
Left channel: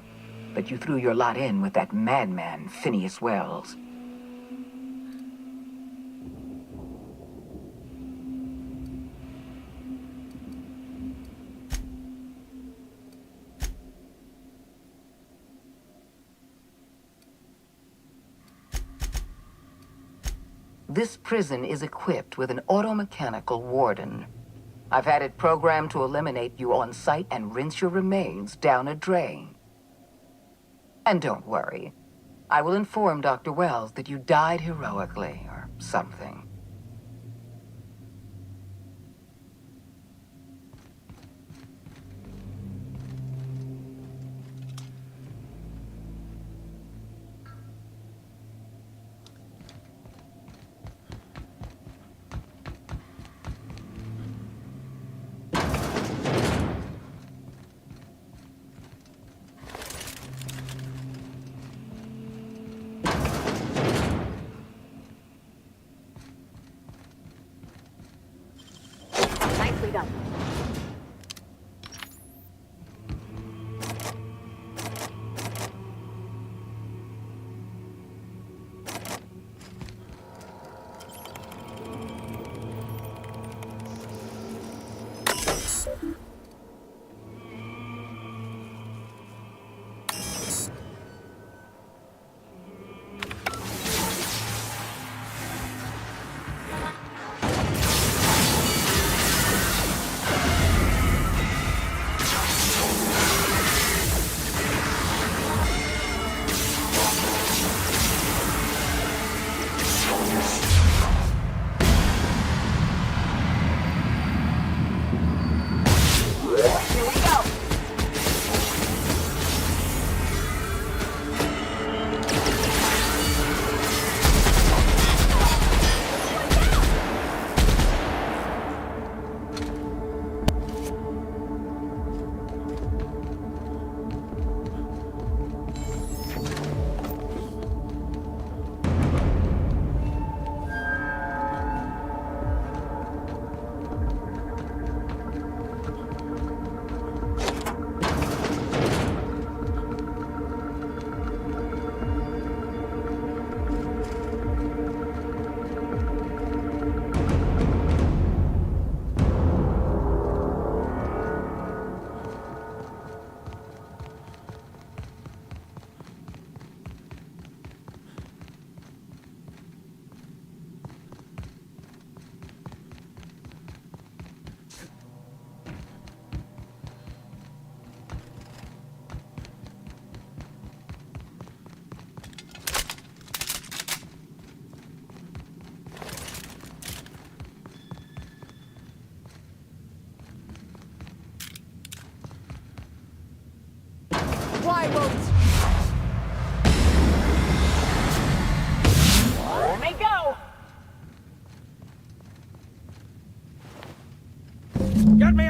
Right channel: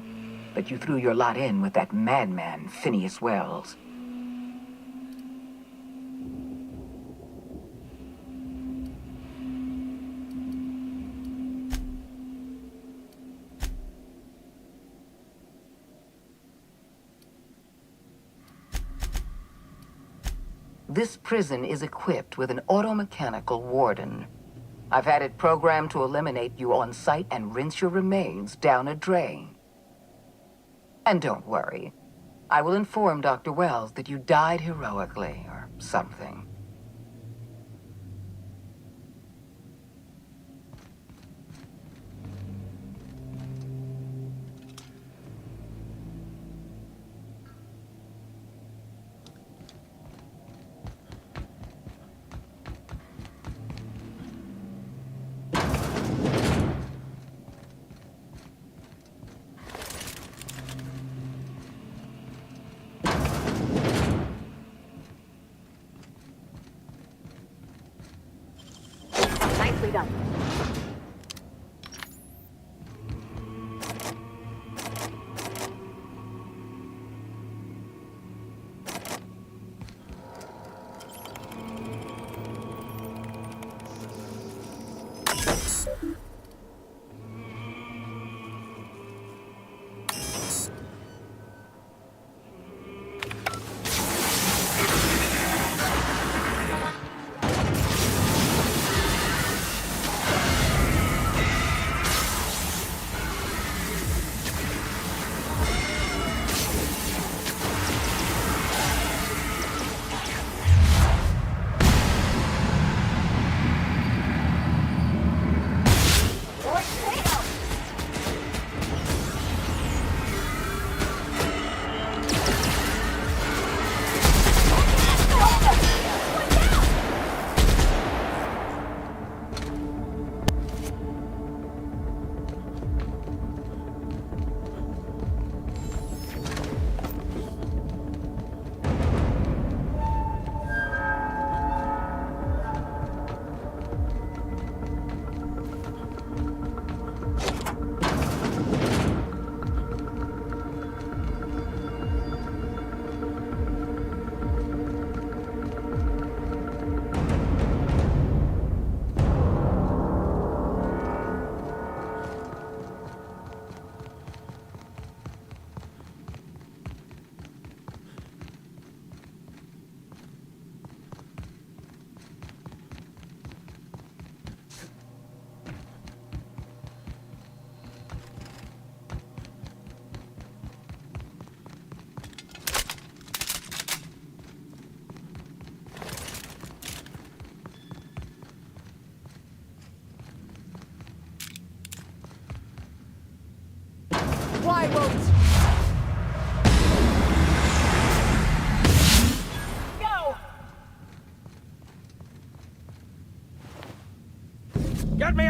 but you threw your lot in with that madman, Phineas Wells. This prison is equipped with an automechanical warden. I've had it programmed to eliminate you on sight and rinse your remains down a drain. And don't worry, I will inform Dr. Wells that you died heroically or something. Nicely done.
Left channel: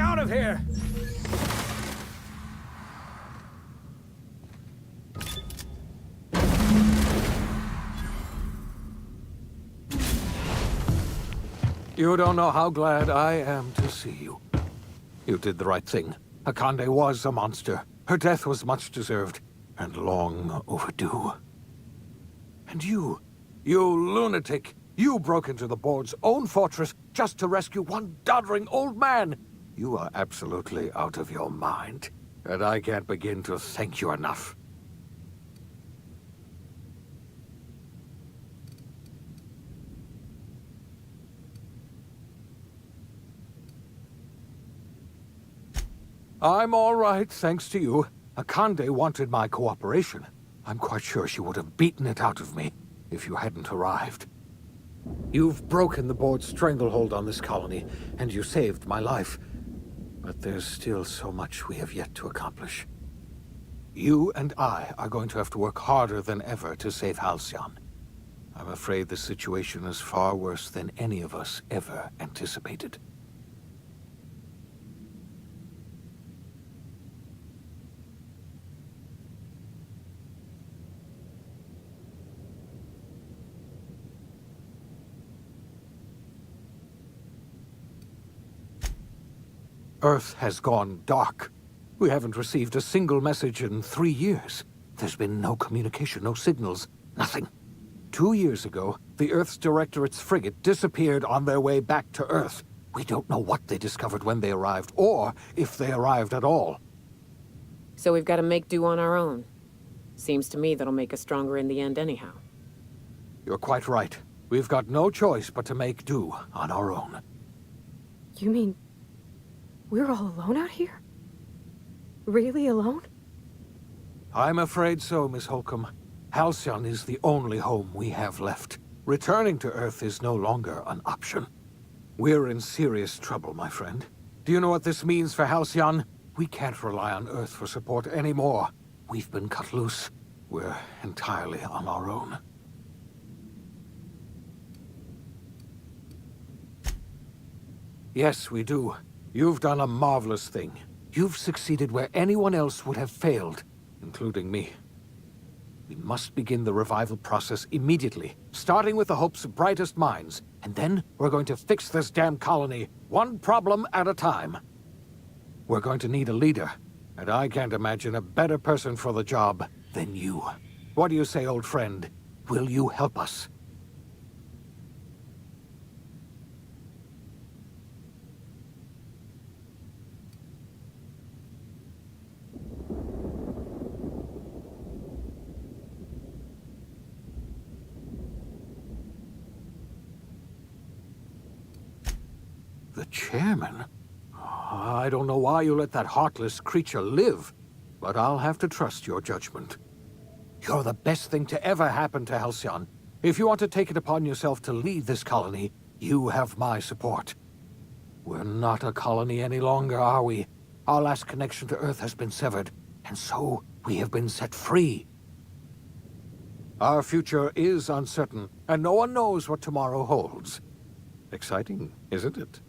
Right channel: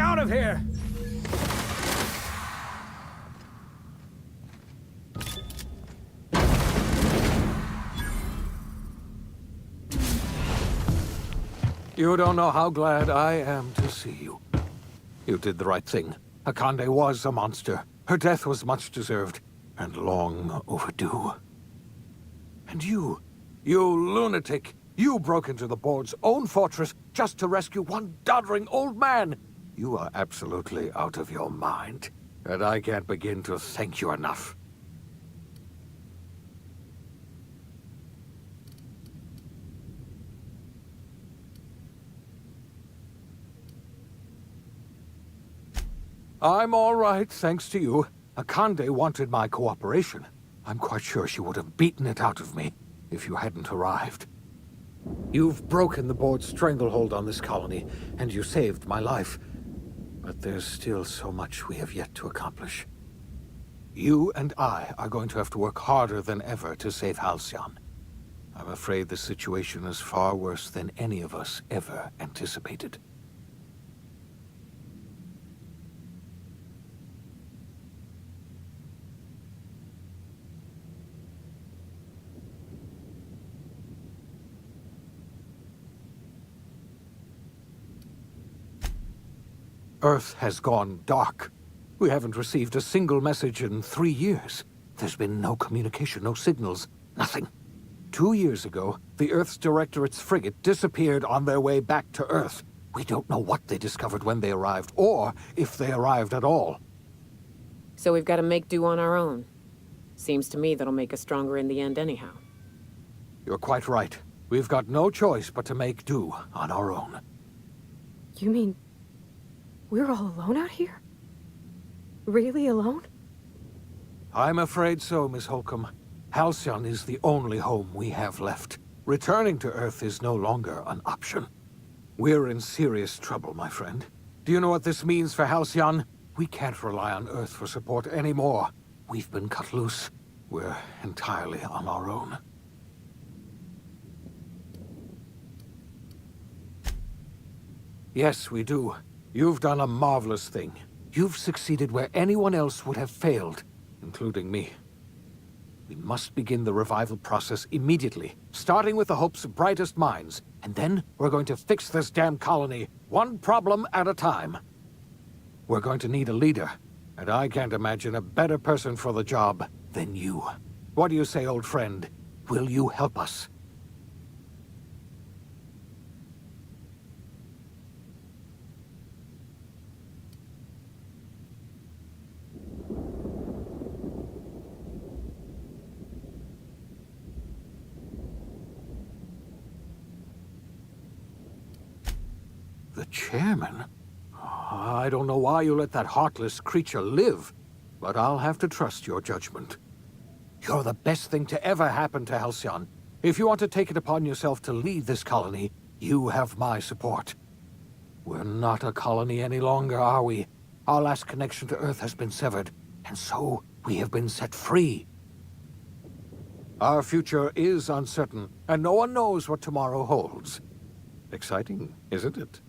out of here! You don't know how glad I am to see you. You did the right thing. Akande was a monster. Her death was much deserved, and long overdue. And you lunatic, you broke into the board's own fortress just to rescue one doddering old man. You are absolutely out of your mind, and I can't begin to thank you enough. I'm all right, thanks to you. Akande wanted my cooperation. I'm quite sure she would have beaten it out of me if you hadn't arrived. You've broken the board's stranglehold on this colony, and you saved my life. But there's still so much we have yet to accomplish. You and I are going to have to work harder than ever to save Halcyon. I'm afraid the situation is far worse than any of us ever anticipated. Earth has gone dark. We haven't received a single message in 3 years. There's been no communication, no signals, nothing. 2 years ago, the Earth's Directorate's frigate disappeared on their way back to Earth. We don't know what they discovered when they arrived, or if they arrived at all. So we've got to make do on our own. Seems to me that'll make us stronger in the end anyhow. You're quite right. We've got no choice but to make do on our own. You mean we're all alone out here? Really alone? I'm afraid so, Miss Holcomb. Halcyon is the only home we have left. Returning to Earth is no longer an option. We're in serious trouble, my friend. Do you know what this means for Halcyon? We can't rely on Earth for support anymore. We've been cut loose. We're entirely on our own. Yes, we do. You've done a marvelous thing. You've succeeded where anyone else would have failed, including me. We must begin the revival process immediately, starting with the Hope's brightest minds, and then we're going to fix this damn colony, one problem at a time. We're going to need a leader, and I can't imagine a better person for the job than you. What do you say, old friend? Will you help us? The chairman? I don't know why you let that heartless creature live, but I'll have to trust your judgment. You're the best thing to ever happen to Halcyon. If you want to take it upon yourself to lead this colony, you have my support. We're not a colony any longer, are we? Our last connection to Earth has been severed, and so we have been set free. Our future is uncertain, and no one knows what tomorrow holds. Exciting, isn't it?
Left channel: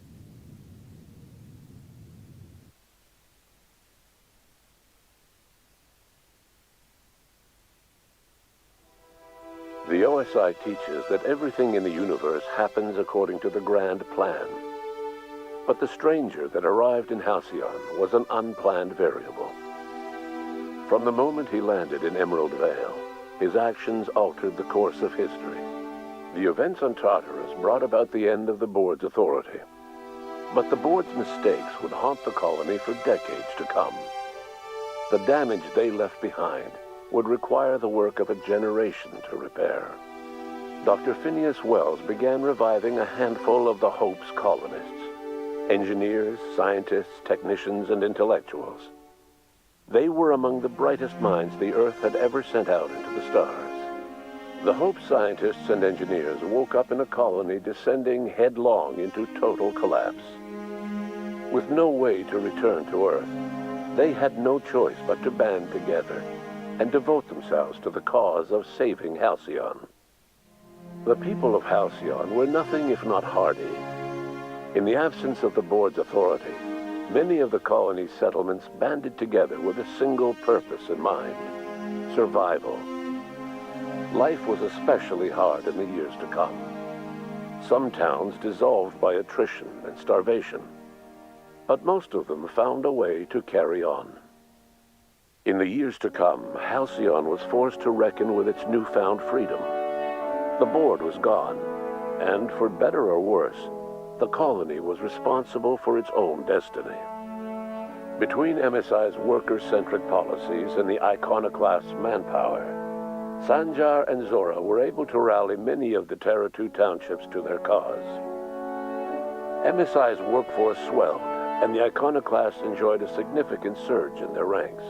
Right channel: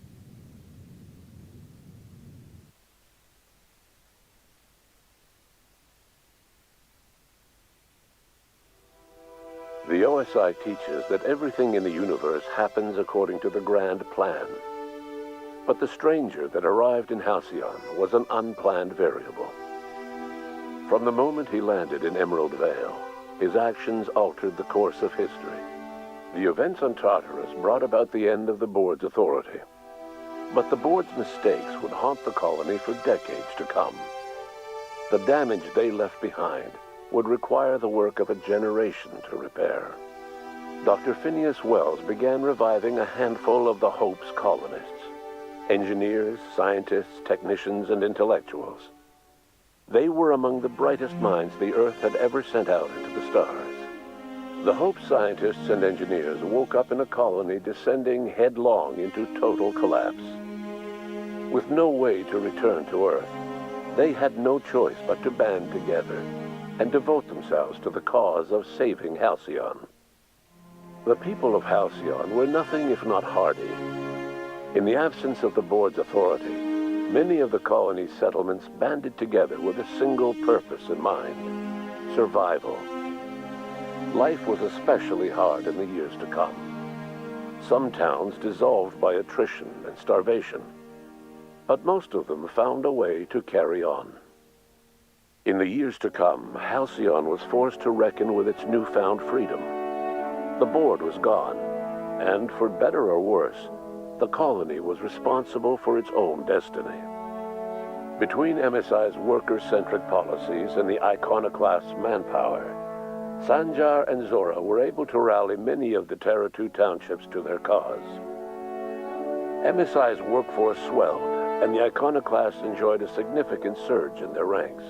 The OSI teaches that everything in the universe happens according to the grand plan. But the stranger that arrived in Halcyon was an unplanned variable. From the moment he landed in Emerald Vale, his actions altered the course of history. The events on Tartarus brought about the end of the board's authority. But the board's mistakes would haunt the colony for decades to come. The damage they left behind would require the work of a generation to repair. Dr. Phineas Wells began reviving a handful of the Hope's colonists. Engineers, scientists, technicians, and intellectuals. They were among the brightest minds the Earth had ever sent out into the stars. The Hope scientists and engineers woke up in a colony descending headlong into total collapse. With no way to return to Earth, they had no choice but to band together and devote themselves to the cause of saving Halcyon. The people of Halcyon were nothing if not hardy. In the absence of the board's authority, Many of the colony's settlements banded together with a single purpose in mind: survival. Life was especially hard in the years to come. Some towns dissolved by attrition and starvation, but most of them found a way to carry on. In the years to come, Halcyon was forced to reckon with its newfound freedom. The board was gone, and for better or worse, the colony was responsible for its own destiny. Between MSI's worker-centric policies and the iconoclast's manpower, Sanjar and Zora were able to rally many of the Terra 2 townships to their cause. MSI's workforce swelled, and the iconoclasts enjoyed a significant surge in their ranks.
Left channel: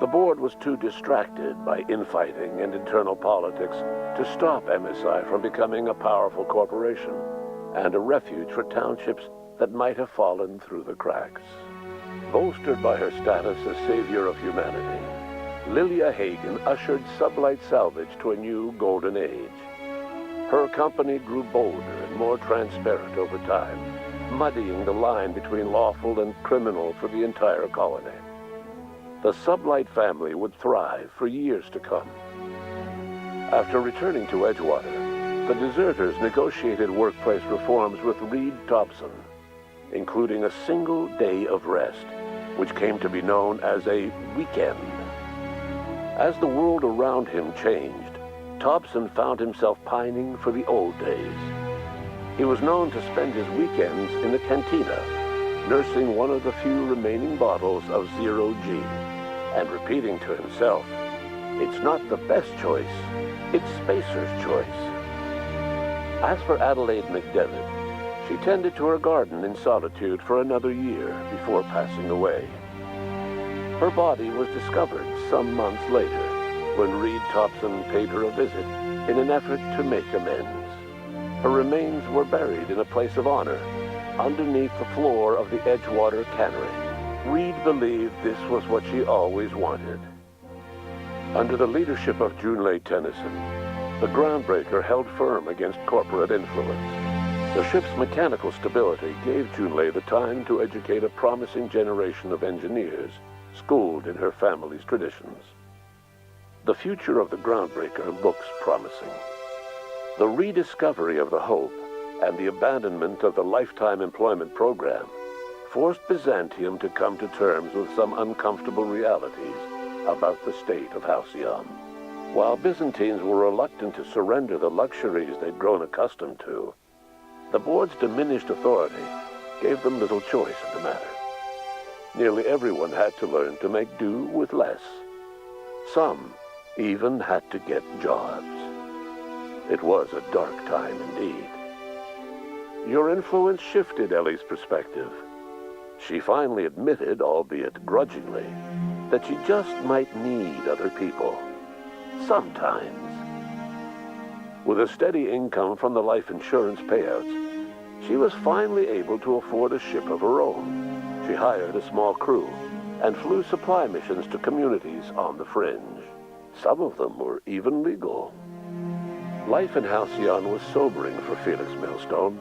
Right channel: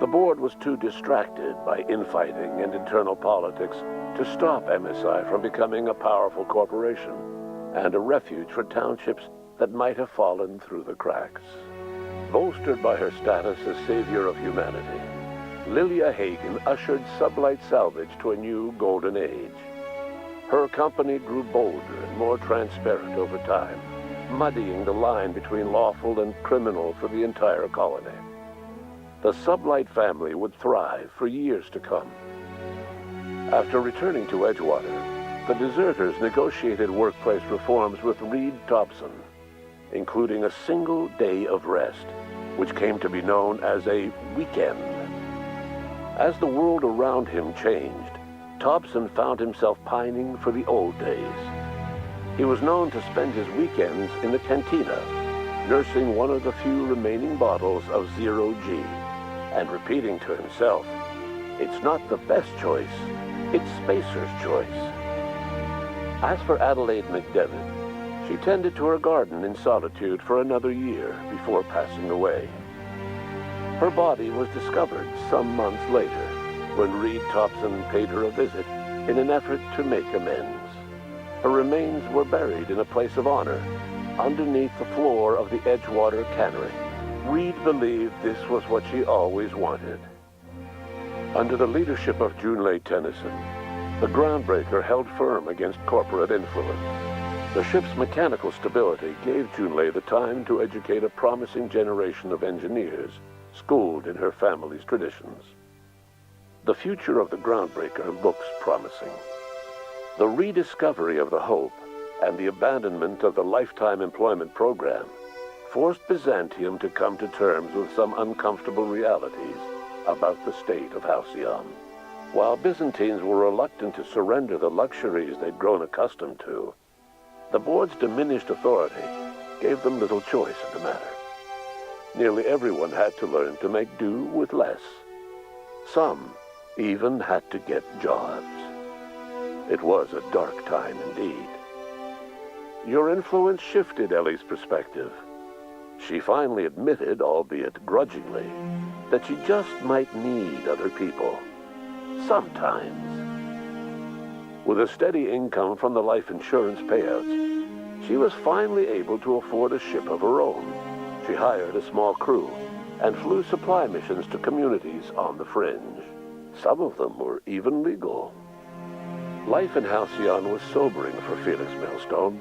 The board was too distracted by infighting and internal politics to stop MSI from becoming a powerful corporation and a refuge for townships that might have fallen through the cracks. Bolstered by her status as savior of humanity, Lilia Hagen ushered Sublight Salvage to a new golden age. Her company grew bolder and more transparent over time, muddying the line between lawful and criminal for the entire colony. The Sublight family would thrive for years to come. After returning to Edgewater, the deserters negotiated workplace reforms with Reed Thompson, including a single day of rest, which came to be known as a weekend. As the world around him changed, Thompson found himself pining for the old days. He was known to spend his weekends in the cantina, nursing one of the few remaining bottles of Zero G, and repeating to himself, "It's not the best choice, it's Spacer's choice." As for Adelaide McDevitt, she tended to her garden in solitude for another year before passing away. Her body was discovered some months later when Reed Thompson paid her a visit in an effort to make amends. Her remains were buried in a place of honor underneath the floor of the Edgewater Cannery. Reed believed this was what she always wanted. Under the leadership of Junlei Tennyson, the groundbreaker held firm against corporate influence. The ship's mechanical stability gave Junlei the time to educate a promising generation of engineers schooled in her family's traditions. The future of the groundbreaker looks promising. The rediscovery of the Hope and the abandonment of the lifetime employment program forced Byzantium to come to terms with some uncomfortable realities about the state of Halcyon. While Byzantines were reluctant to surrender the luxuries they'd grown accustomed to, the board's diminished authority gave them little choice in the matter. Nearly everyone had to learn to make do with less. Some even had to get jobs. It was a dark time indeed. Your influence shifted Ellie's perspective. She finally admitted, albeit grudgingly, that she just might need other people. Sometimes. With a steady income from the life insurance payouts, she was finally able to afford a ship of her own. She hired a small crew and flew supply missions to communities on the fringe. Some of them were even legal. Life in Halcyon was sobering for Felix Millstone.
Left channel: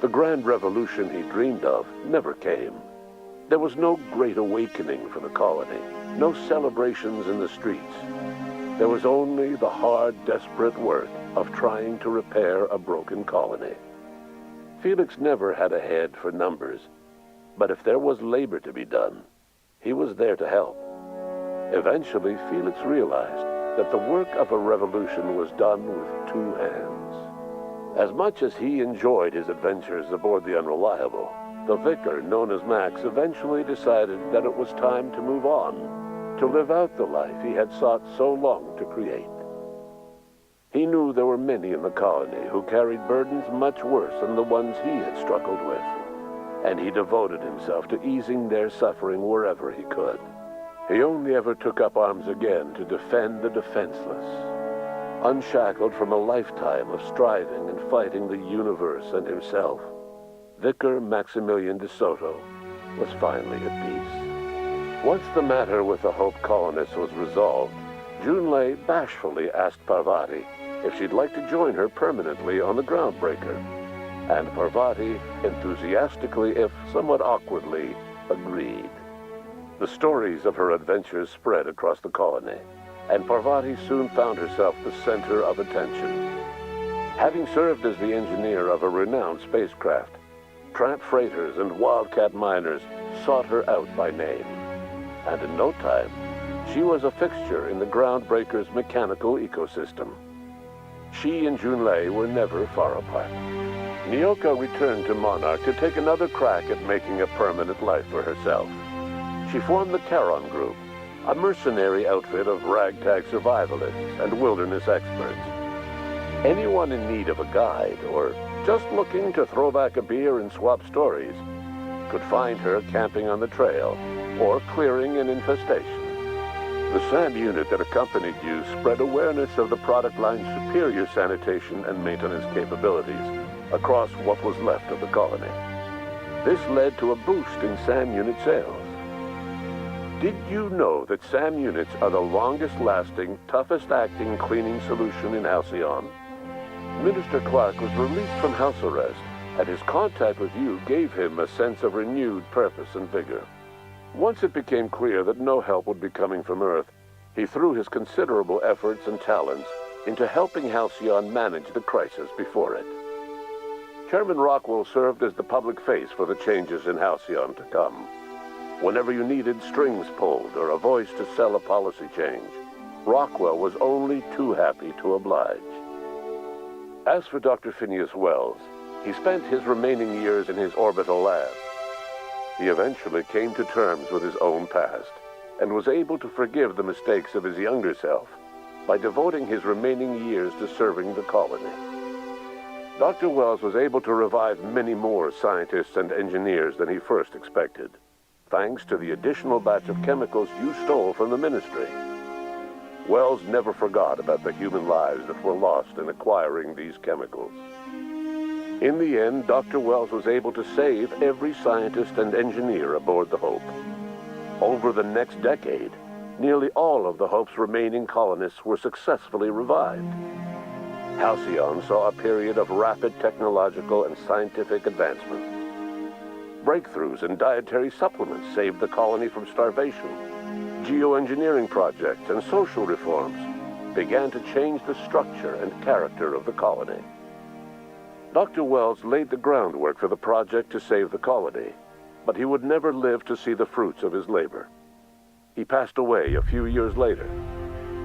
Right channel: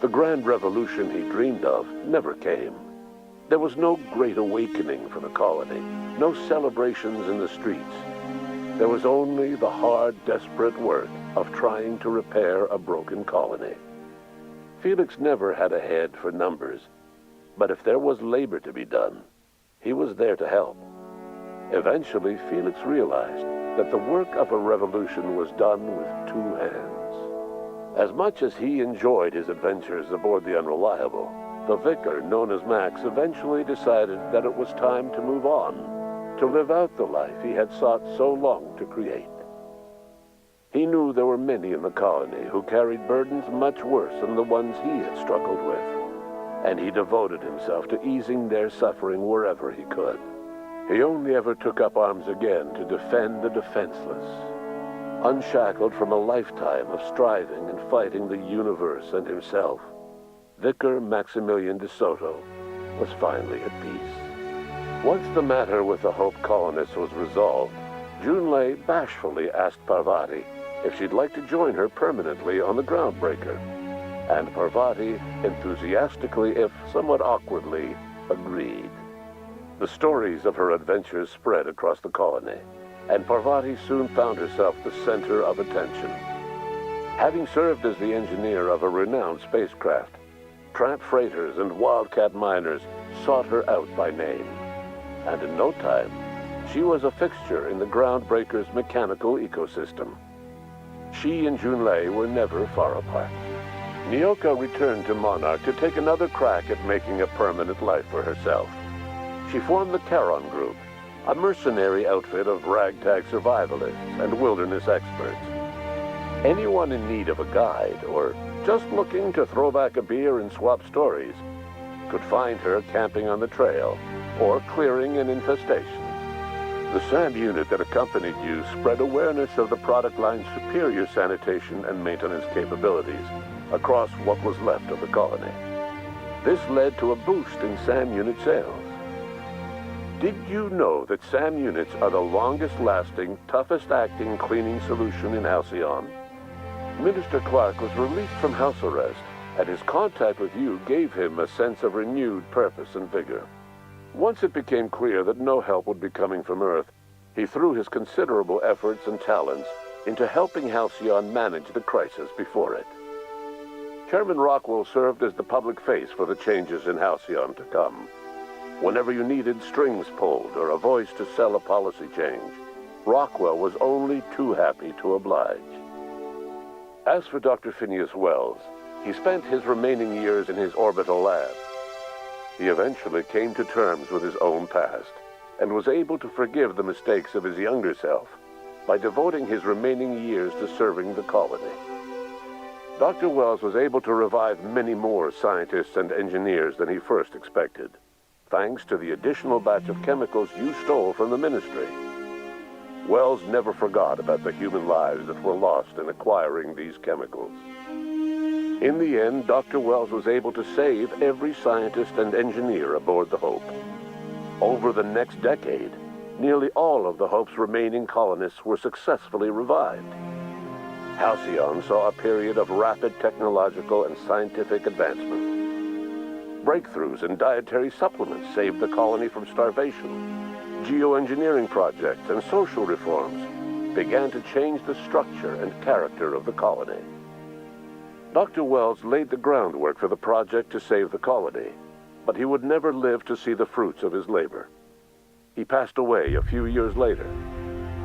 The grand revolution he dreamed of never came. There was no great awakening for the colony, no celebrations in the streets. There was only the hard, desperate work of trying to repair a broken colony. Felix never had a head for numbers, but if there was labor to be done, he was there to help. Eventually, Felix realized that the work of a revolution was done with two hands. As much as he enjoyed his adventures aboard the Unreliable, the vicar, known as Max, eventually decided that it was time to move on, to live out the life he had sought so long to create. He knew there were many in the colony who carried burdens much worse than the ones he had struggled with, and he devoted himself to easing their suffering wherever he could. He only ever took up arms again to defend the defenseless. Unshackled from a lifetime of striving and fighting the universe and himself, Vicar Maximilian de Soto was finally at peace. Once the matter with the Hope colonists was resolved, Junlei bashfully asked Parvati if she'd like to join her permanently on the Groundbreaker. and Parvati enthusiastically, if somewhat awkwardly, agreed. The stories of her adventures spread across the colony, and Parvati soon found herself the center of attention. Having served as the engineer of a renowned spacecraft, tramp freighters and wildcat miners sought her out by name. And in no time, she was a fixture in the groundbreaker's mechanical ecosystem. She and Junlei were never far apart. Nyoka returned to Monarch to take another crack at making a permanent life for herself. She formed the Charon Group, a mercenary outfit of ragtag survivalists and wilderness experts. Anyone in need of a guide, or just looking to throw back a beer and swap stories, could find her camping on the trail or clearing an infestation. The SAM unit that accompanied you spread awareness of the product line's superior sanitation and maintenance capabilities across what was left of the colony. This led to a boost in SAM unit sales. Did you know that SAM units are the longest-lasting, toughest-acting cleaning solution in Halcyon? Minister Clark was released from house arrest, and his contact with you gave him a sense of renewed purpose and vigor. Once it became clear that no help would be coming from Earth, he threw his considerable efforts and talents into helping Halcyon manage the crisis before it. Chairman Rockwell served as the public face for the changes in Halcyon to come. Whenever you needed strings pulled or a voice to sell a policy change, Rockwell was only too happy to oblige. As for Dr. Phineas Wells, he spent his remaining years in his orbital lab. He eventually came to terms with his own past and was able to forgive the mistakes of his younger self by devoting his remaining years to serving the colony. Dr. Wells was able to revive many more scientists and engineers than he first expected, thanks to the additional batch of chemicals you stole from the ministry. Wells never forgot about the human lives that were lost in acquiring these chemicals. In the end, Dr. Wells was able to save every scientist and engineer aboard the Hope. Over the next decade, nearly all of the Hope's remaining colonists were successfully revived. Halcyon saw a period of rapid technological and scientific advancement. Breakthroughs in dietary supplements saved the colony from starvation. Geoengineering projects and social reforms began to change the structure and character of the colony. Dr. Wells laid the groundwork for the project to save the colony, but he would never live to see the fruits of his labor. He passed away a few years later.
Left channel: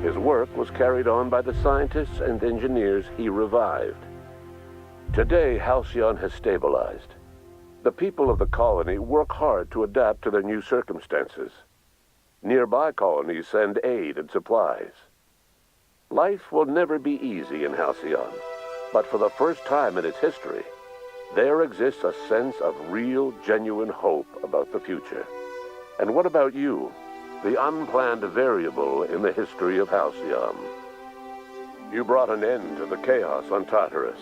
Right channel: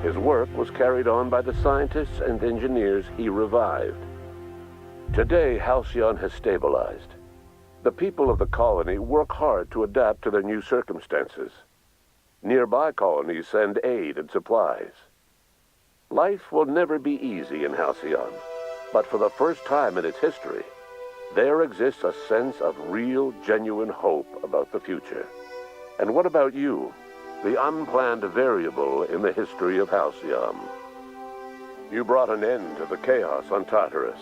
His work was carried on by the scientists and engineers he revived. Today, Halcyon has stabilized. The people of the colony work hard to adapt to their new circumstances. Nearby colonies send aid and supplies. Life will never be easy in Halcyon, but for the first time in its history, there exists a sense of real, genuine hope about the future. And what about you, the unplanned variable in the history of Halcyon? You brought an end to the chaos on Tartarus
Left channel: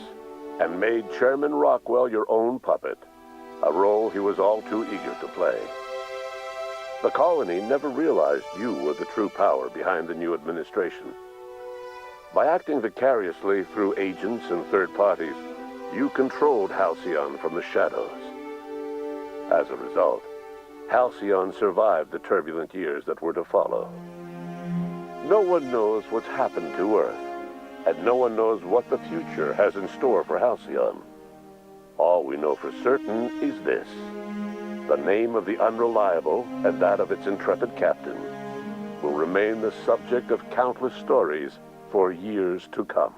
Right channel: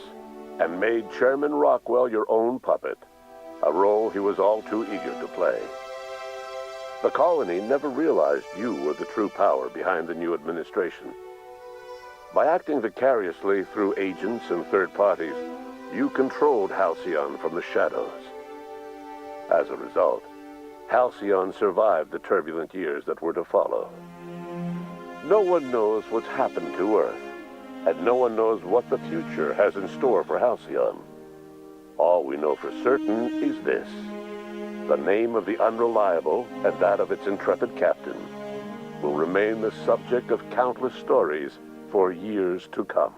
and made Chairman Rockwell your own puppet, a role he was all too eager to play. The colony never realized you were the true power behind the new administration. By acting vicariously through agents and third parties, you controlled Halcyon from the shadows. As a result, Halcyon survived the turbulent years that were to follow. No one knows what's happened to Earth, and no one knows what the future has in store for Halcyon. All we know for certain is this: the name of the Unreliable and that of its intrepid captain will remain the subject of countless stories for years to come.